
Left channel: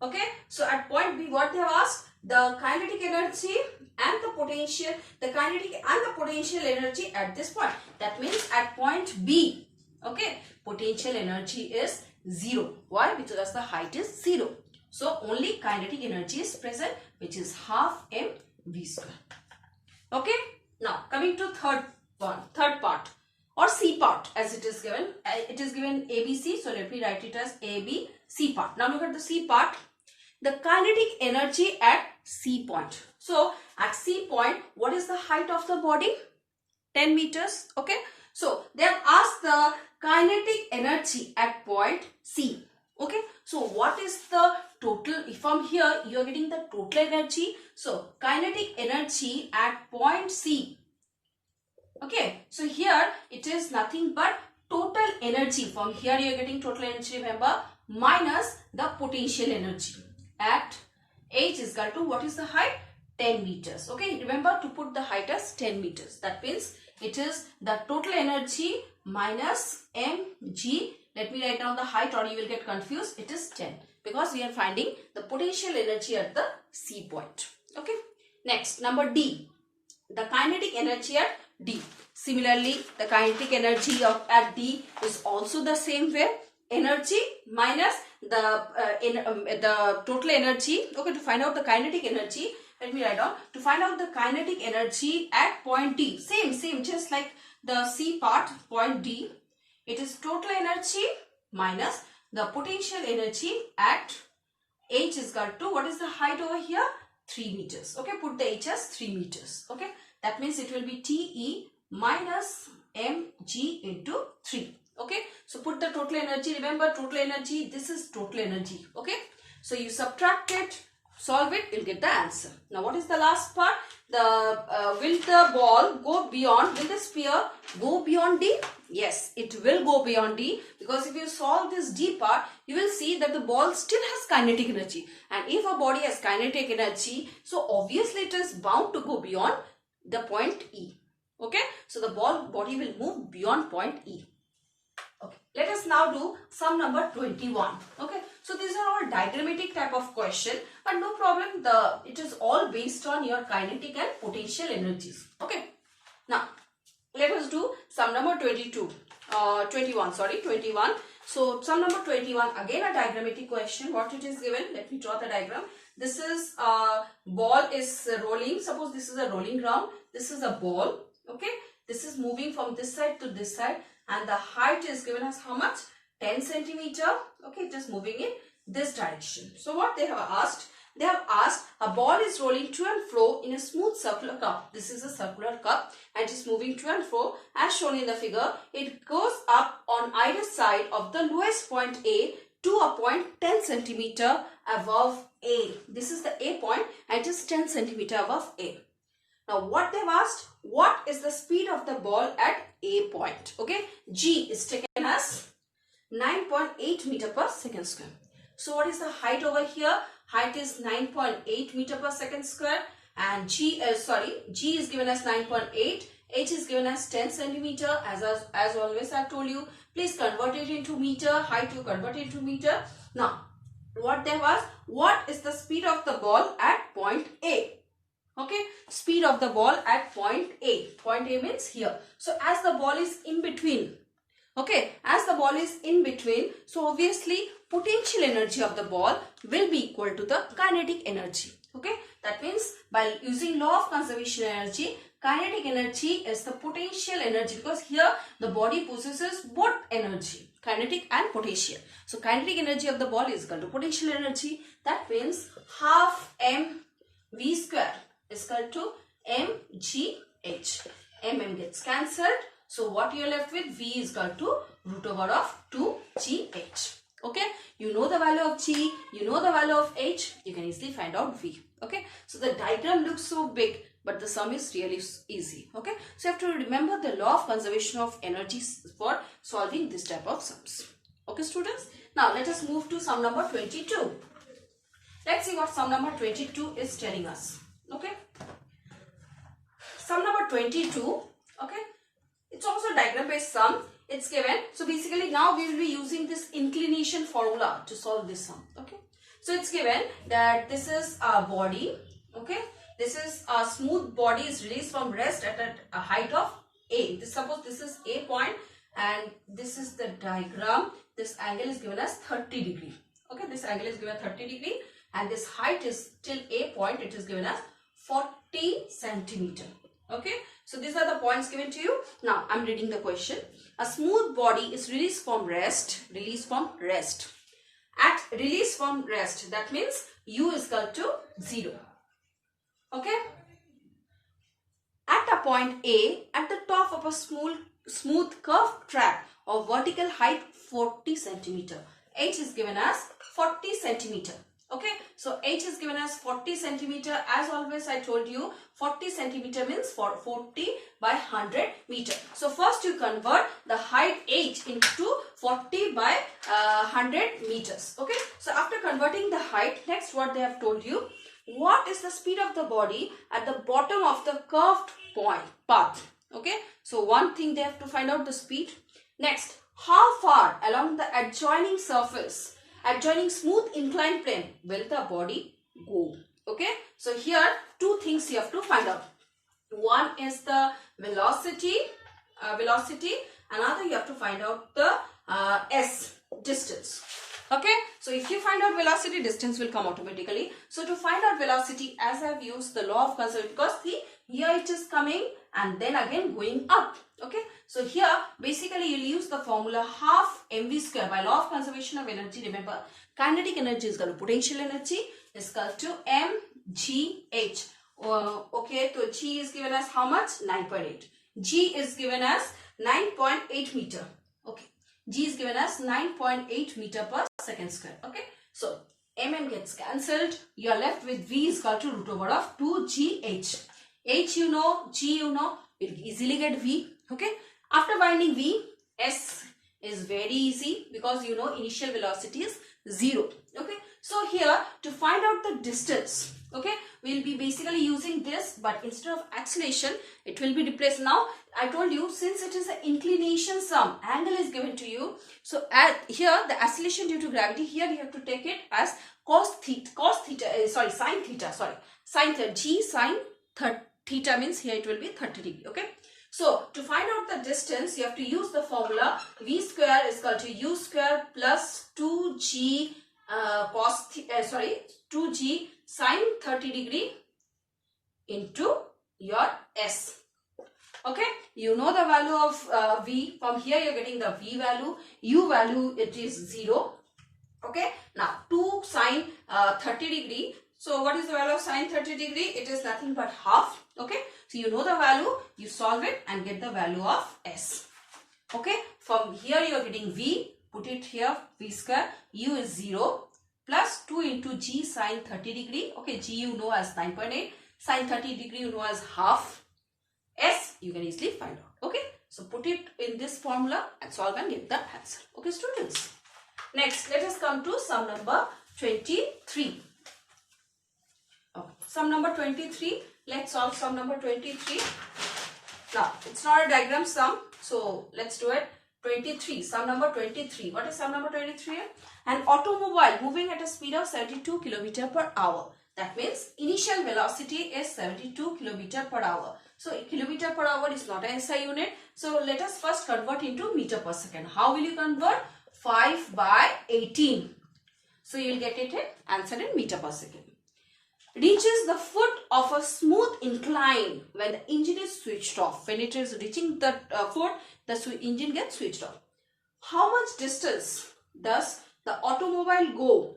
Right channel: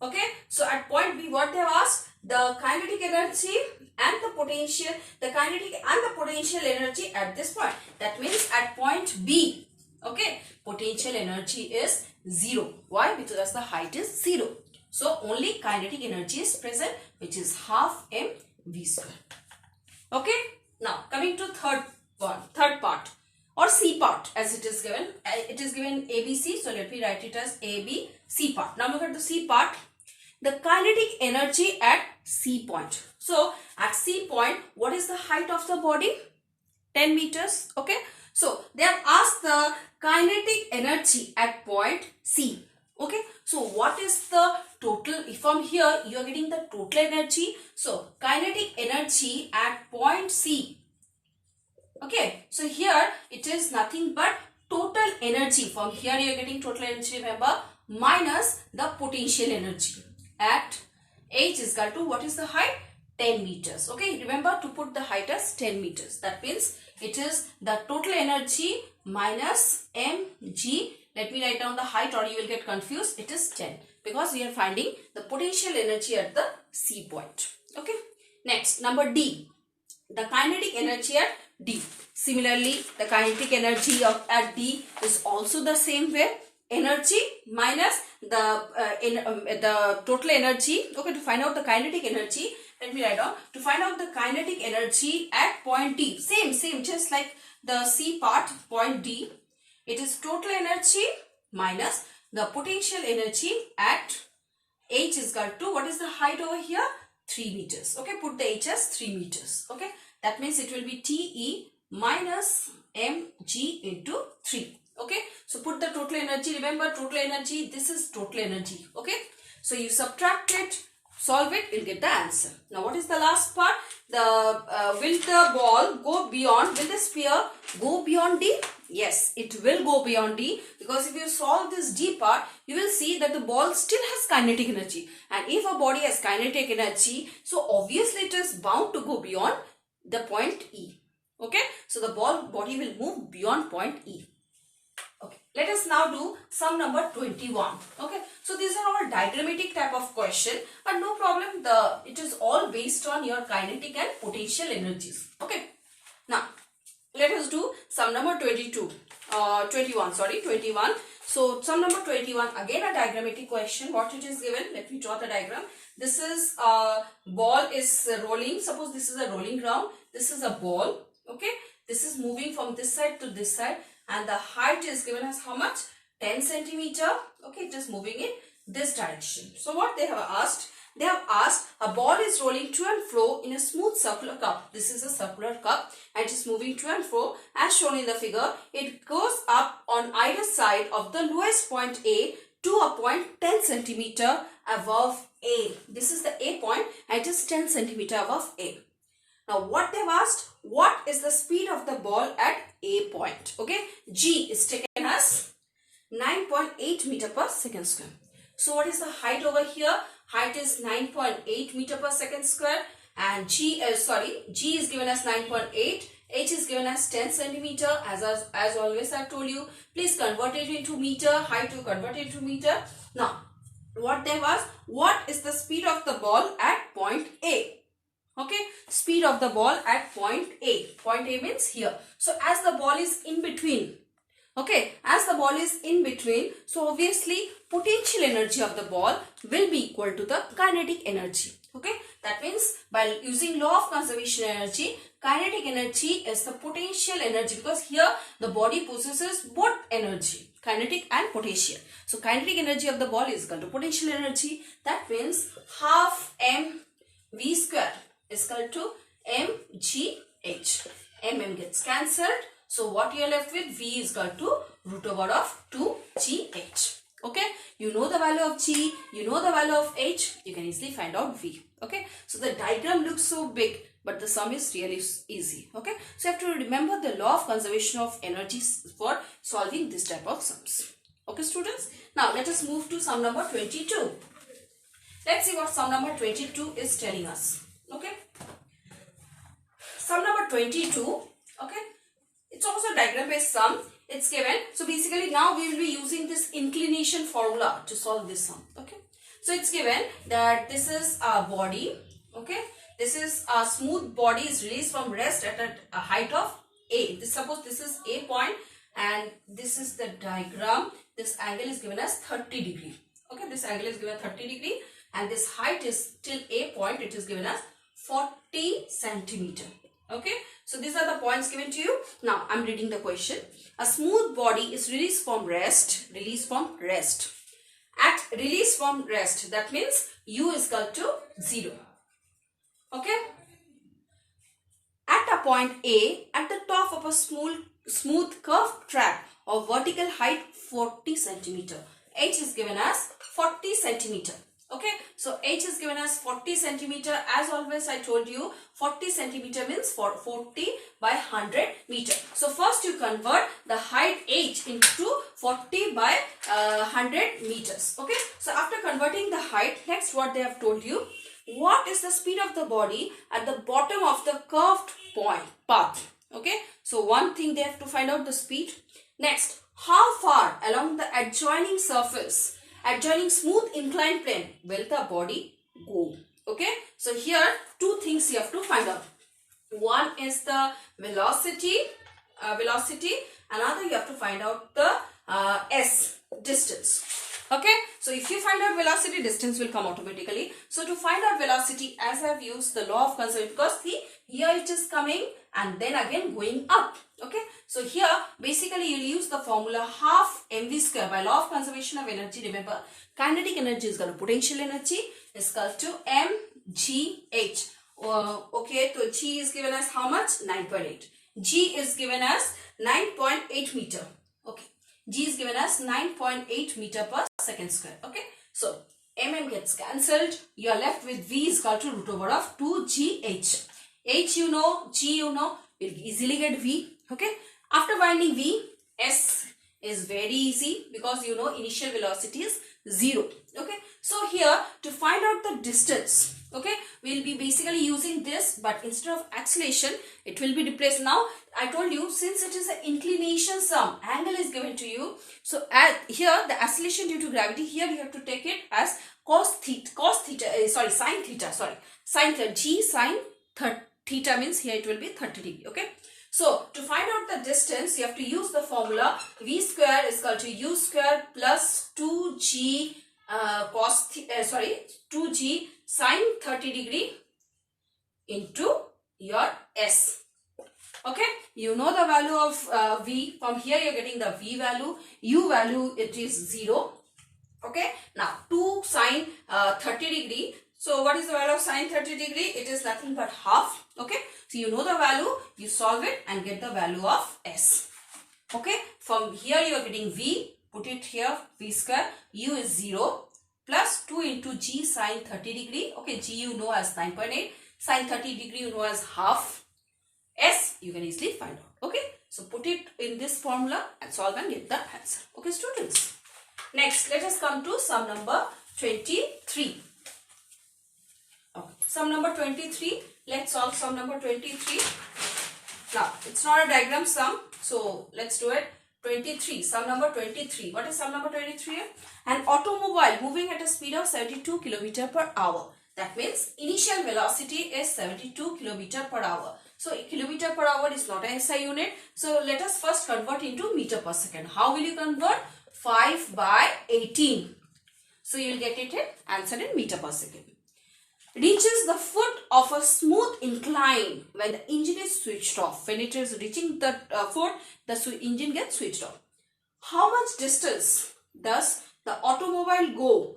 Okay, so at point B, what they have asked? The kinetic energy and the potential, the kinetic and the potential energy at this point. That means at point B, okay, potential energy is 0. Why? Because the height is 0. So only kinetic energy is present, which is half mv square. Okay, now coming to third part or C part, as it is given. It is given ABC, so let me write it as ABC part. Now look at the C part. The kinetic energy at C point. So at C point, what is the height of the body? 10 meters. Okay, so they have asked the kinetic energy at point C. Okay, so what is the total? From here you are getting the total energy. So kinetic energy at point C. Okay, so here it is nothing but total energy. From here you are getting total energy, remember, minus the potential energy at H is equal to, what is the height? 10 meters. Okay, remember to put the height as 10 meters. That means it is the total energy minus mg. Let me write down the height or you will get confused. It is 10 because we are finding the potential energy at the C point. Okay, next, number D, the kinetic energy at D. Similarly, the kinetic energy at D is also the same way. Energy minus the total energy. Okay, to find out the kinetic energy, let me write down. To find out the kinetic energy at point D, same, just like the C part, point D. It is total energy minus the potential energy at H is equal to, what is the height over here? 3 meters. Okay, put the H as 3 meters. Okay, that means it will be TE minus mg into 3. Okay, so put the total energy. Remember, total energy, this is total energy. Okay, so you subtract it, solve it, you'll get the answer. Now what is the last part? Will the ball go beyond, will the sphere go beyond D? Yes, it will go beyond D, because if you solve this D part, you will see that the ball still has kinetic energy. And if a body has kinetic energy, so obviously it is bound to go beyond the point E. Okay, so the body will move beyond point E. Okay, let us now do sum number 21. Okay, so these are all diagrammatic type of question, but no problem, it is all based on your kinetic and potential energies. Okay, now let us do sum number 21. So sum number 21, again a diagrammatic question. What it is given, let me draw the diagram. This is ball is rolling. Suppose this is a rolling ground. This is a ball. Okay, this is moving from this side to this side, and the height is given as how much? 10 centimeter. Okay, it is moving in this direction. So what they have asked? They have asked a ball is rolling to and fro in a smooth circular cup. This is a circular cup and it is moving to and fro as shown in the figure. It goes up on either side of the lowest point A to a point 10 centimeter above A. This is the A point and it is 10 centimeter above A. Now what they've asked, what is the speed of the ball at A point? Okay, G is taken as 9.8 meter per second square. So what is the height over here? Height is 9.8 meter per second square and G is given as 9.8. H is given as 10 centimeter. As always I have told you, please convert it into meter. Height to convert it into meter. Now what they have asked, what is the speed of the ball at point A? Okay, speed of the ball at point A. Point A means here. So as the ball is in between, okay, as the ball is in between, so obviously potential energy of the ball will be equal to the kinetic energy. Okay, that means by using law of conservation energy, kinetic energy is the potential energy, because here the body possesses both energy, kinetic and potential. So kinetic energy of the ball is equal to potential energy. That means half mv square is equal to mgh. Mm gets cancelled. So what you are left with, V is equal to root over of 2gh. Okay, you know the value of G, you know the value of H, you can easily find out V. Okay, so the diagram looks so big, but the sum is really easy. Okay, so you have to remember the law of conservation of energy for solving this type of sums. Okay students, now let us move to sum number 22. Let's see what sum number 22 is telling us. Okay, sum number 22, okay, it's also a diagram based sum. It's given. So basically now we will be using this inclination formula to solve this sum. Okay, so it's given that this is a body. Okay, this is a smooth body is released from rest at a height of A. Suppose this is A point and this is the diagram. This angle is given as 30 degree. Okay, this angle is given 30 degree and this height is till A point. It is given as 40 centimeter. Okay, so these are the points given to you. Now I'm reading the question. A smooth body is released from rest. At release from rest, that means U is equal to 0. Okay. At a point A, at the top of a smooth curved track of vertical height 40 centimeter. H is given as 40 centimeter. Okay, so H is given as 40 centimeter. As always I told you, 40 centimeter means 40 by 100 meter. So first you convert the height H into 40 by 100 meters. Okay, so after converting the height, next what they have told you, what is the speed of the body at the bottom of the curved path. Okay, so one thing they have to find out the speed. Next, how far along the adjoining surface, adjoining smooth inclined plane will the body go. Okay, so here two things you have to find out. One is the velocity, another you have to find out the s, distance. Okay, so if you find out velocity, distance will come automatically. So to find out velocity, as I have used the law of conservation, because see here it is coming and then again going up. Okay, so here basically you will use the formula half mv square. By law of conservation of energy, remember kinetic energy is equal to potential energy is equal to mgh. Okay, so G is given as how much? 9.8. G is given as 9.8 meter. Okay, G is given as 9.8 meter per second square. Okay, so mm gets cancelled. You are left with V is equal to root over of 2gh. H you know, G you know, we'll easily get V. Okay, after finding V, S is very easy because you know initial velocity is 0. Okay, so here to find out the distance, okay, we'll be basically using this, but instead of acceleration it will be replaced. Now I told you, since it is an inclination sum, angle is given to you, so here the acceleration due to gravity, here you have to take it as sine theta. G sine theta means here it will be 30 degree. Okay, so to find out the distance, you have to use the formula V square is equal to U square plus 2G 2G sine 30 degree into your S. Okay, you know the value of V. From here you are getting the V value. U value, it is 0. Okay, now 2 sine 30 degree. So what is the value of sine 30 degree? It is nothing but half. Okay, so you know the value, you solve it and get the value of S. Okay, from here you are getting V, put it here, V square, U is 0, plus 2 into G sine 30 degree. Okay, G you know as 9.8, sine 30 degree you know as half. S you can easily find out. Okay, so put it in this formula and solve and get the answer. Okay, students. Next, let us come to sum number 23. Okay. Sum number 23. Let's solve sum number 23. Now, it's not a diagram sum, so let's do it. 23. Sum number 23. What is sum number 23? An automobile moving at a speed of 72 km per hour. That means initial velocity is 72 km per hour. So, kilometer per hour is not a SI unit. So, let us first convert into meter per second. How will you convert? 5 by 18. So, you will get it in answer in meter per second. Reaches the foot of a smooth incline when the engine is switched off. When it is reaching the foot, the engine gets switched off. How much distance does the automobile go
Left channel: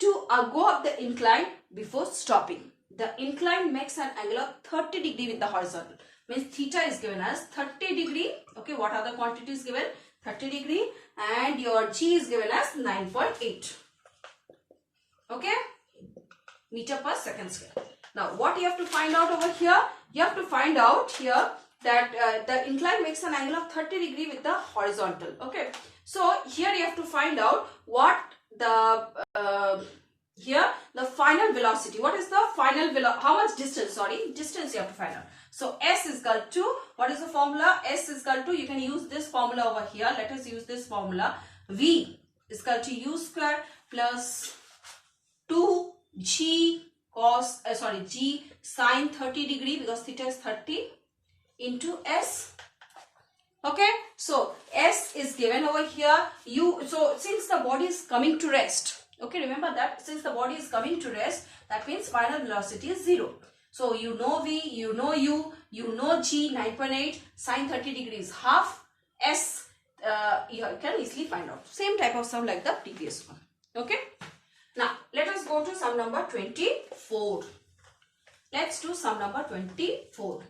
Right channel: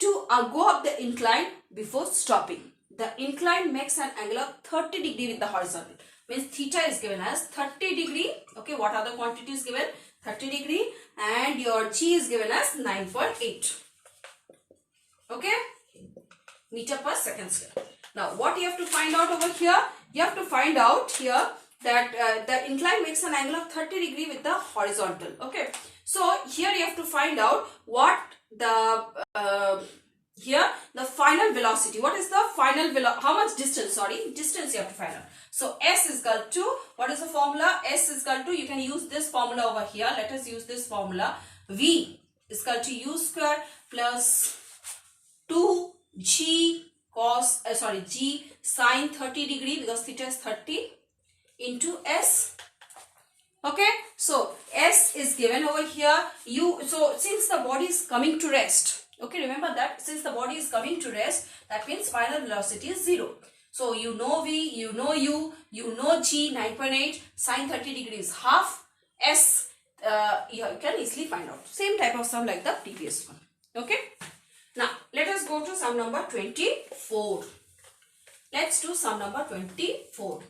to go up the incline before stopping? The incline makes an angle of 30 degree with the horizontal. Means theta is given as 30 degree. Okay, what are the quantities given? 30 degree and your G is given as 9.8. Okay, meter per second square. Now, what you have to find out over here? You have to find out here that the incline makes an angle of 30 degree with the horizontal. Okay, so here you have to find out what the here the final velocity. What is the final velocity? How much distance? Sorry, distance you have to find out. So S is equal to, what is the formula? S is equal to, you can use this formula over here. Let us use this formula. V is equal to U square plus 2G cos, G sine 30 degree, because theta is 30, into S. Okay, so S is given over here. So since the body is coming to rest, okay, remember that since the body is coming to rest, that means final velocity is 0. So you know V, you know U, you know G, 9.8, sine 30 degree is half. S, you can easily find out. Same type of sum like the previous one. Okay. Now, let us go to sum number 24. Let's do sum number 24.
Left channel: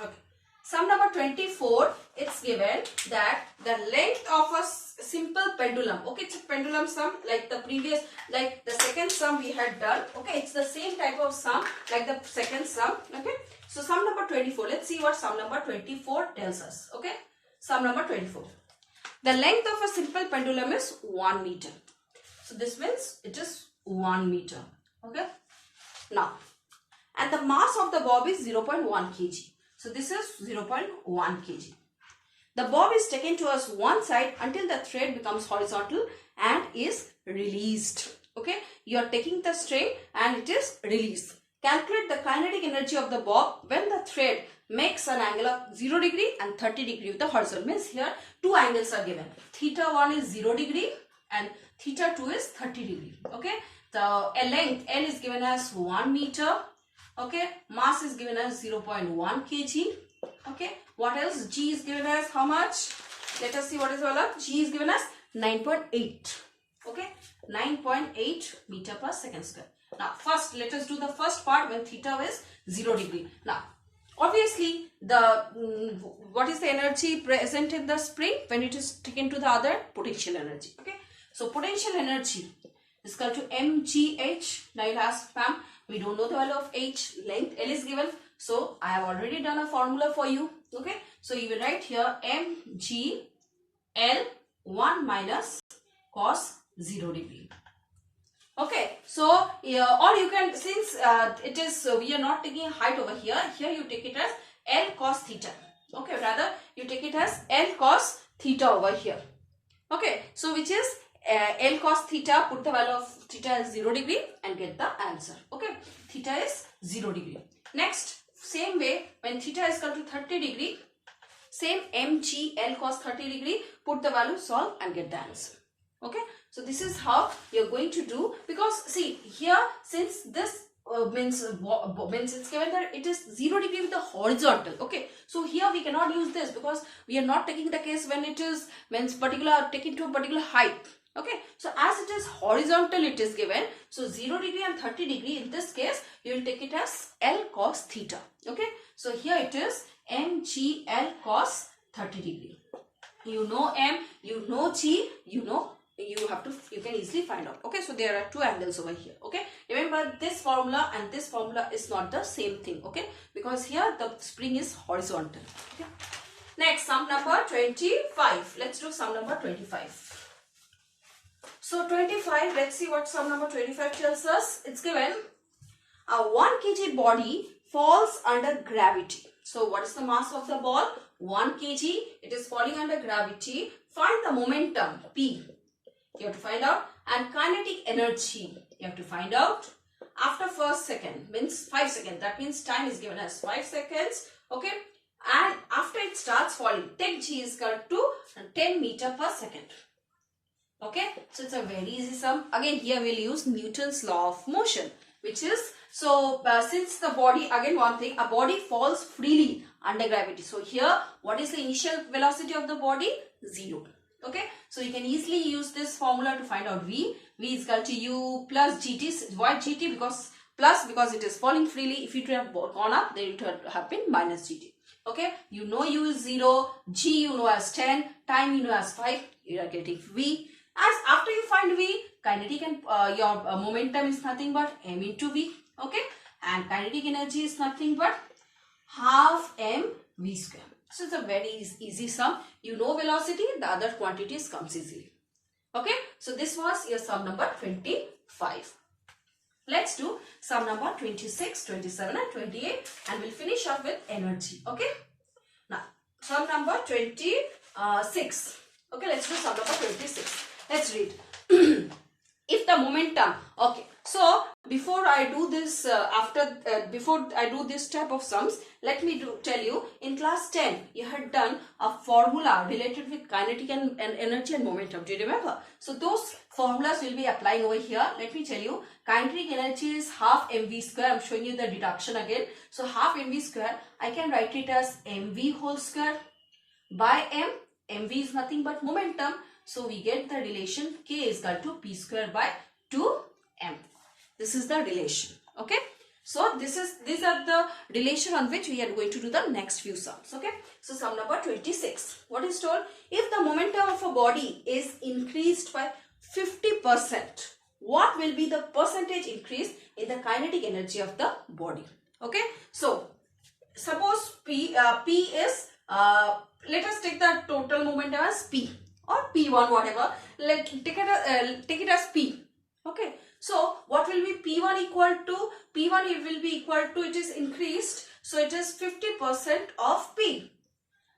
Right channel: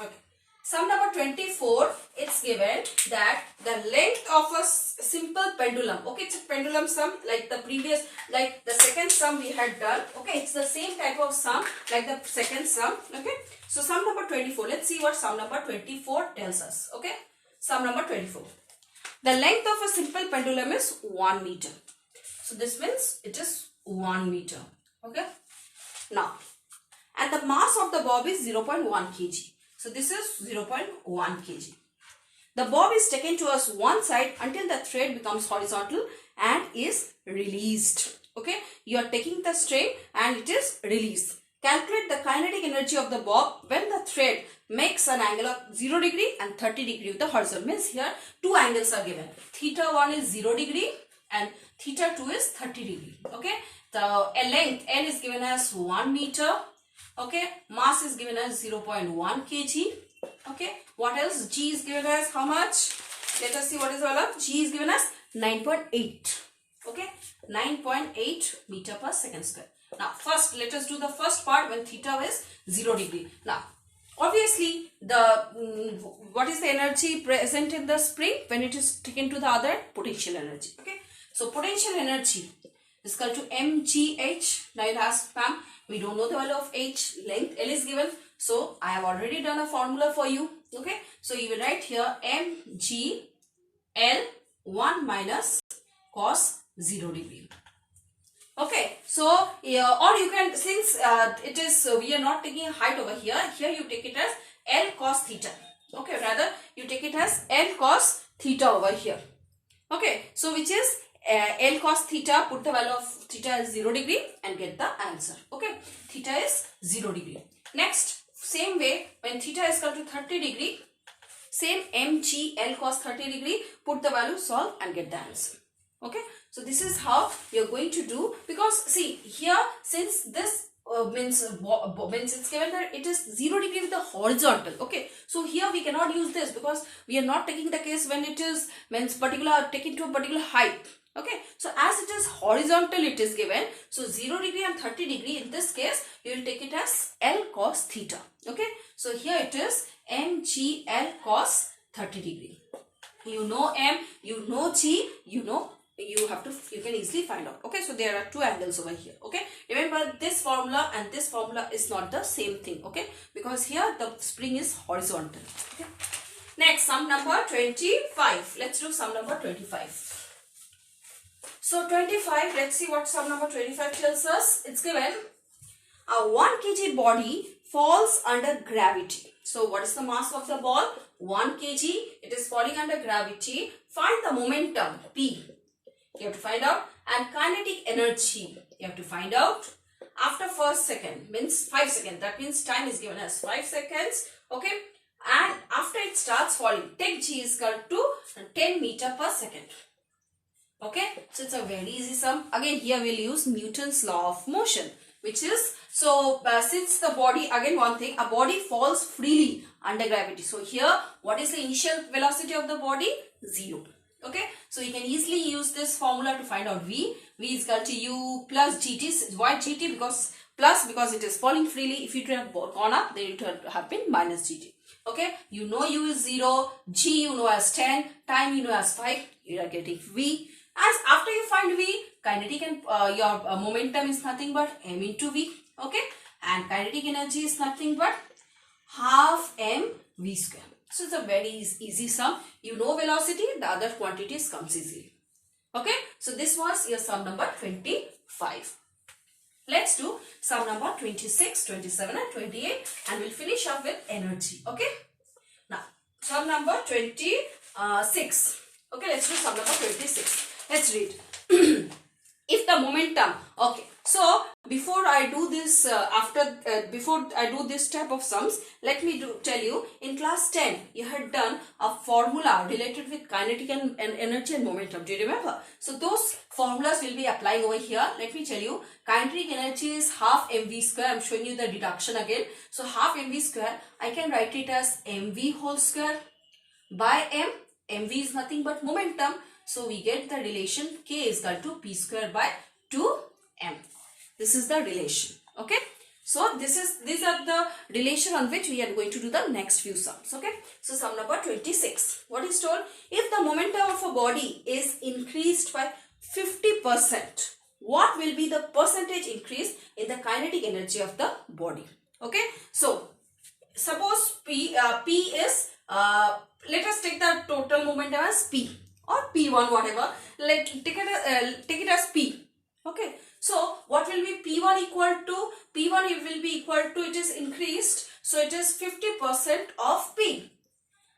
Okay. Sum number 24, it's given that the length of a simple pendulum. Okay, it's a pendulum sum like the previous, like the second sum we had done. Okay, it's the same type of sum like the second sum. Okay, so sum number 24. Let's see what sum number 24 tells us. Okay, sum number 24. The length of a simple pendulum is 1 meter. So this means it is 1 meter. Okay. Now, and the mass of the bob is 0.1 kg. So this is 0.1 kg. The bob is taken towards one side until the thread becomes horizontal and is released. Okay. You are taking the string and it is released. Calculate the kinetic energy of the bob when the thread makes an angle of 0 degree and 30 degree with the horizontal. Means here two angles are given. Theta 1 is 0 degree and theta 2 is 30 degree. Okay. The length L is given as 1 meter. Okay. Mass is given as 0.1 kg. Okay. What else? G is given as how much? Let us see what is all of. G is given as 9.8. Okay. 9.8 meter per second square. Now, first let us do the first part when theta is 0 degree. Now, obviously, the what is the energy present in the spring when it is taken to the other? Potential energy. Okay. So, potential energy is equal to mgh. Now, you ask, ma'am, we don't know the value of h. Length L is given. So, I have already done a formula for you. Okay. So, you will write here mg L 1 minus cos 0 degree. Okay, so or you can, since it is we are not taking height over here, here you take it as L cos theta. Okay, rather you take it as L cos theta over here. Okay, so which is L cos theta, put the value of theta as 0 degree and get the answer. Okay, theta is 0 degree. Next, same way when theta is equal to 30 degree, same mg L cos 30 degree, put the value, solve and get the answer. Okay. So this is how we are going to do, because see here, since this means it's given that it is 0 degree with the horizontal. Okay, so here we cannot use this because we are not taking the case when it is means taking to a particular height. Okay, so as it is horizontal it is given, so 0 degree and 30 degree, in this case you will take it as L cos theta. Okay, so here it is mgl cos 30 degree. You know m, you know g, you can easily find out. Okay, so there are two angles over here. Okay, remember this formula and this formula is not the same thing. Okay, because here the spring is horizontal. Okay, next sum number 25. Let's do sum number 25. So 25, let's see what sum number 25 tells us. It's given a 1 kg body falls under gravity. So what is the mass of the ball? 1 kg. It is falling under gravity. Find the momentum P. You have to find out. And kinetic energy. You have to find out. After first second means 5 seconds. That means time is given as 5 seconds. Okay. And after it starts falling, take G is equal to 10 meter per second. Okay, so it's a very easy sum. Again, here we'll use Newton's law of motion, which is, so since the body, again one thing, a body falls freely under gravity. So here, what is the initial velocity of the body? 0. Okay, so you can easily use this formula to find out V. V is equal to U plus GT. Why GT? Because it is falling freely. If it would have gone up, then it would have been minus GT. Okay, you know U is 0, G you know as 10, time you know as 5. You are getting V. As after you find V, kinetic and your momentum is nothing but m into V. Okay, and kinetic energy is nothing but half mv square. So it's a very easy sum. You know velocity, the other quantities comes easily. Okay, so this was your sum number 25. Let's do sum number 26, 27 and 28 and we'll finish off with energy. Okay, now sum number 26. Okay, let's do sum number 26. Let's read. If the momentum, okay, so before I do this, before I do this type of sums, let me tell you, in class 10, you had done a formula related with kinetic and energy and momentum. Do you remember? So those formulas will be applying over here. Let me tell you, kinetic energy is half mv square. I'm showing you the deduction again. So half mv square, I can write it as mv whole square by m. mv is nothing but momentum. So we get the relation k is equal to p square by 2m. This is the relation. Okay. So these are the relation on which we are going to do the next few sums. Okay. So sum number 26. What is told? If the momentum of a body is increased by 50%, what will be the percentage increase in the kinetic energy of the body? Okay. So suppose P is, let us take the total momentum as P. Or P1, whatever. Take it as P. Okay. So what will be P1 equal to? P1 it will be equal to, it is increased. So it is 50% of P.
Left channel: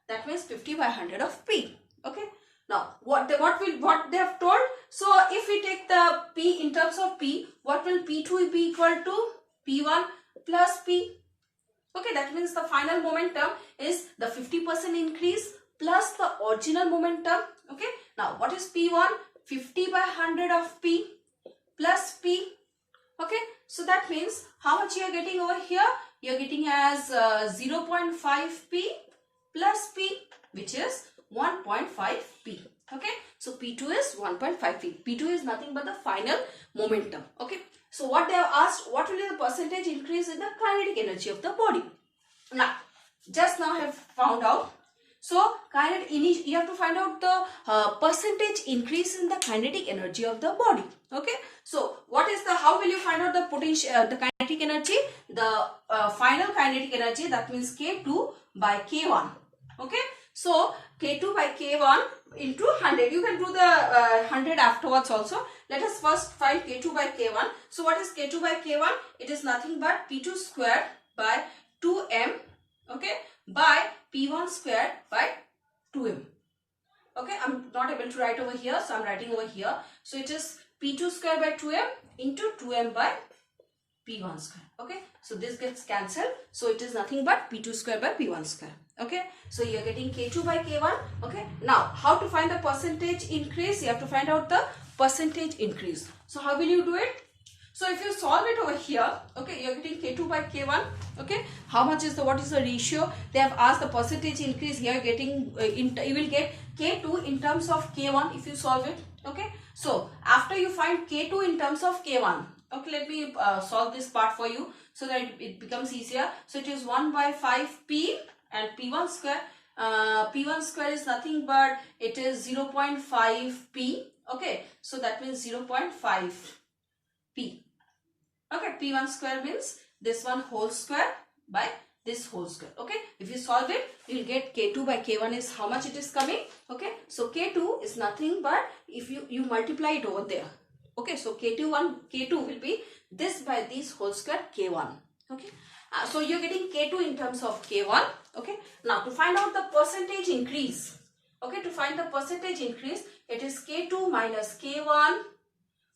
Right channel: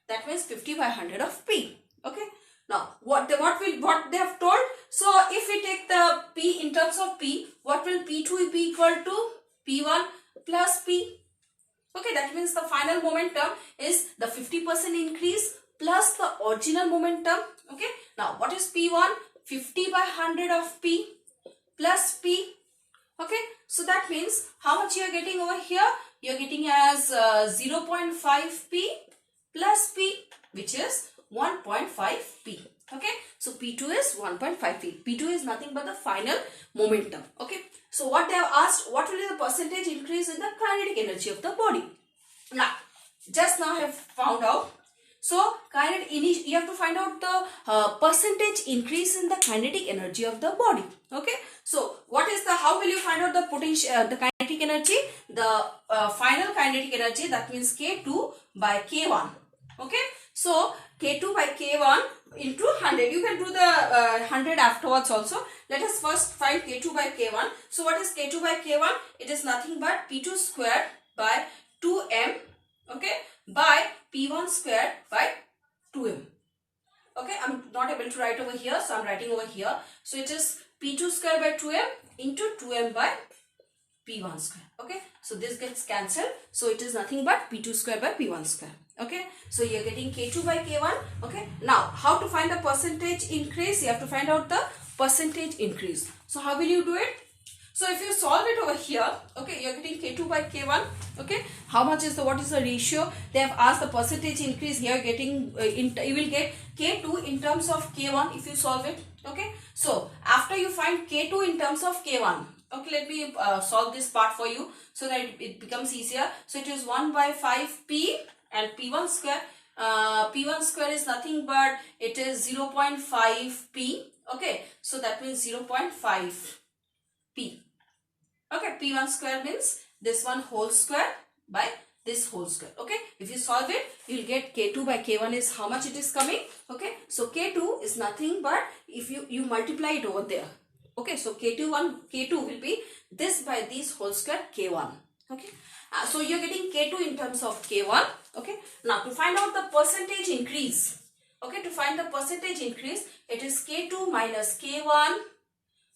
That means 50 by 100 of P. Okay. Now what they have told? So if we take the P in terms of P, what will P2 be equal to? P1 plus P. Okay. That means the final momentum is the 50% increase plus the original momentum. Okay. Now what is P1? 50 by 100 of P plus P. Okay. So that means how much you are getting over here? You are getting as 0.5 P plus P, which is 1.5 P. Okay. So P2 is 1.5 P. P2 is nothing but the final momentum. Okay. So what they have asked, what will be the percentage increase in the kinetic energy of the body? Now, just now I have found out. So, you have to find out the percentage increase in the kinetic energy of the body. Okay. So, how will you find out the potential, the kinetic energy? The final kinetic energy, that means K2 by K1. Okay. So, K2 by K1 into 100. You can do the 100 afterwards also. Let us first find K2 by K1. So, what is K2 by K1? It is nothing but P2 square by 2m. Okay. By P1 square by 2m. Okay, I'm not able to write over here, so I'm writing over here. So it is P2 square by 2m into 2m by P1 square. Okay, so this gets cancelled. So it is nothing but P2 square by P1 square. Okay, so you're getting K2 by K1. Okay, now how to find the percentage increase? You have to find out the percentage increase. So how will you do it? So if you solve it over here, okay, you're getting K2 by K1. Okay, how much is what is the ratio? They have asked the percentage increase. Here getting you will get K2 in terms of K1 if you solve it. Okay, so after you find K2 in terms of K1, okay, let me solve this part for you so that it becomes easier. So it is 1 by 5p and P1 square. P1 square is nothing but it is 0.5p. Okay, so that means 0.5p. Okay, P1 square means this one whole square by this whole square. Okay, if you solve it, you will get K2 by K1 is how much it is coming. Okay, so K2 is nothing but if you multiply it over there. Okay, so K2 will be this by this whole square K1. Okay, so you're getting K2 in terms of K1. Okay, now to find out the percentage increase. Okay, to find the percentage increase, it is K2 minus K1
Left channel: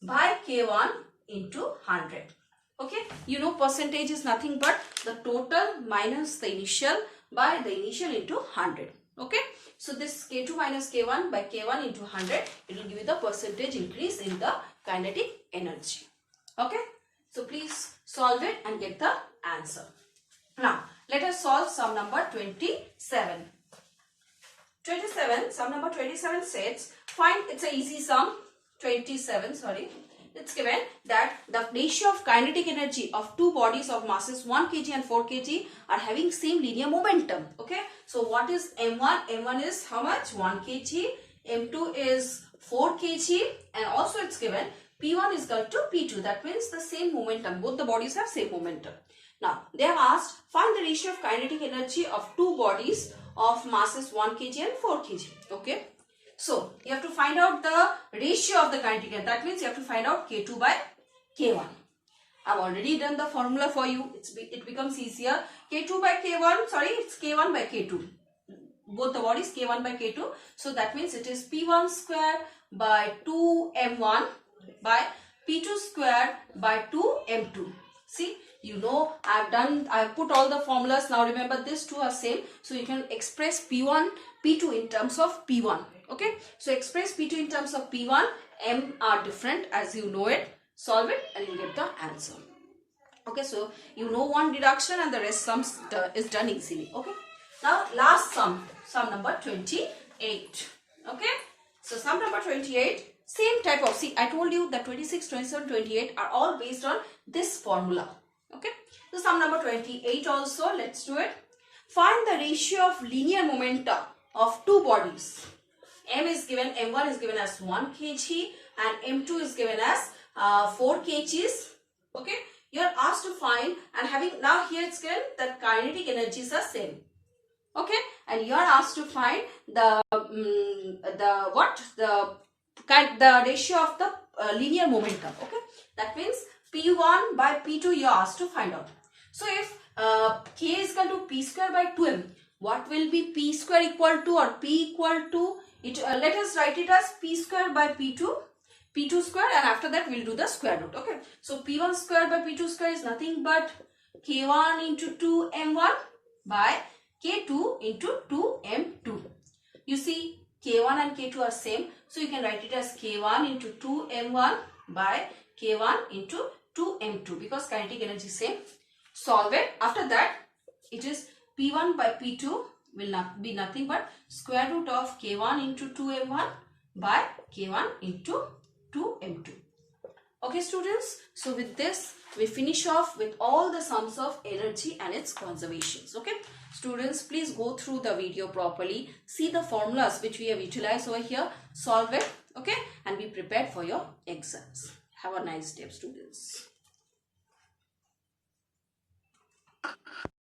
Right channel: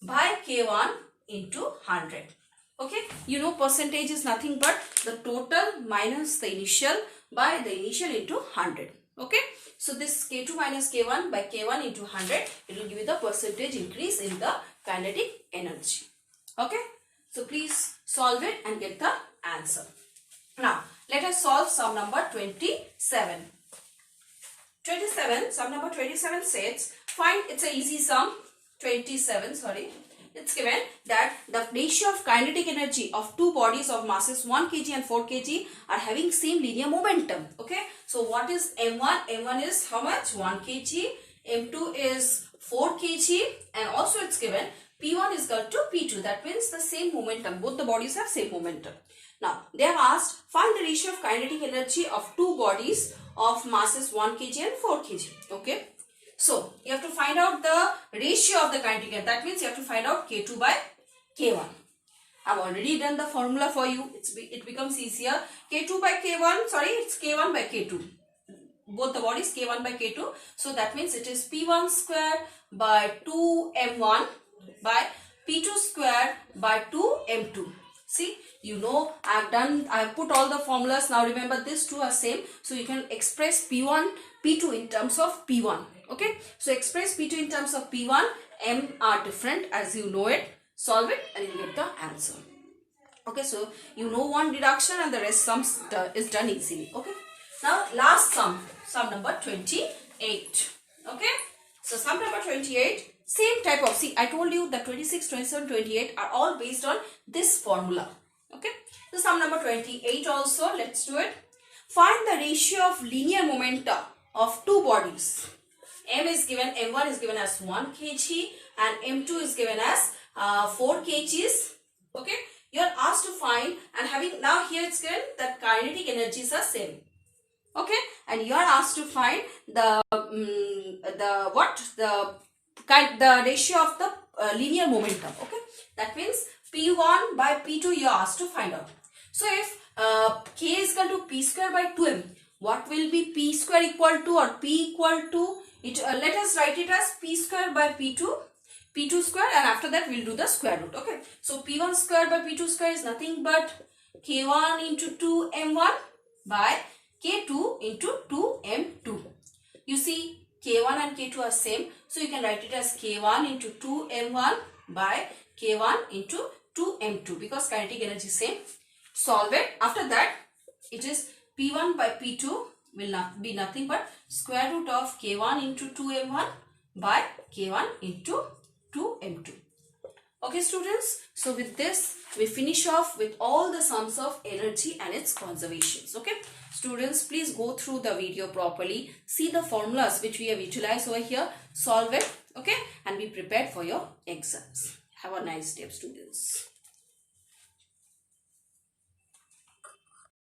by K1 into 100. Okay, you know percentage is nothing but the total minus the initial by the initial into 100. Okay, so this K2 minus K1 by K1 into 100, it will give you the percentage increase in the kinetic energy. Okay, so please solve it and get the answer. Now, let us solve sum number 27. Sum number 27 says, find, it's an easy sum, 27, sorry. It's given that the ratio of kinetic energy of two bodies of masses 1 kg and 4 kg are having same linear momentum. Okay, so what is M1? M1 is how much? 1 kg. M2 is 4 kg, and also it's given P1 is equal to P2. That means the same momentum. Both the bodies have same momentum. Now, they have asked, find the ratio of kinetic energy of two bodies of masses 1 kg and 4 kg. Okay. So, you have to find out the ratio of the kinetic energy. That means you have to find out K2 by K1. I have already done the formula for you. It becomes easier. K2 by K1, sorry, it's K1 by K2. Both the bodies K1 by K2. So, that means it is P1 square by 2M1 by P2 square by 2M2. See, you know, I have put all the formulas. Now, remember these two are same. So, you can express P1, P2 in terms of P1. Okay, so express P2 in terms of P1, M are different as you know it. Solve it and you get the answer. Okay, so you know one deduction and the rest sums is done easily. Okay, now last sum number 28. Okay, so sum number 28, same type of, see I told you that 26, 27, 28 are all based on this formula. Okay, so sum number 28 also, let's do it. Find the ratio of linear momenta of two bodies. M is given, M1 is given as 1 kg and M2 is given as 4 kgs. Okay, you are asked to find, and having, now here it's given that kinetic energies are same. Okay, and you are asked to find the ratio of the linear momentum. Okay, that means P1 by P2 you are asked to find out. So if K is equal to P square by 2M, what will be P square equal to or P equal to? Let us write it as P square by P2 square, and after that we will do the square root. Okay, so P1 square by P2 square is nothing but K1 into 2M1 by K2 into 2M2. You see K1 and K2 are same, so you can write it as K1 into 2M1 by K1 into 2M2 because kinetic energy is same. Solve it. After that, it is P1 by P2 will not be nothing but square root of K1 into 2M1 by K1 into 2M2. Okay students, so with this we finish off with all the sums of energy and its conservations. Okay students, please go through the video properly, see the formulas which we have utilized over here, solve it, okay, and be prepared for your exams. Have a nice day students.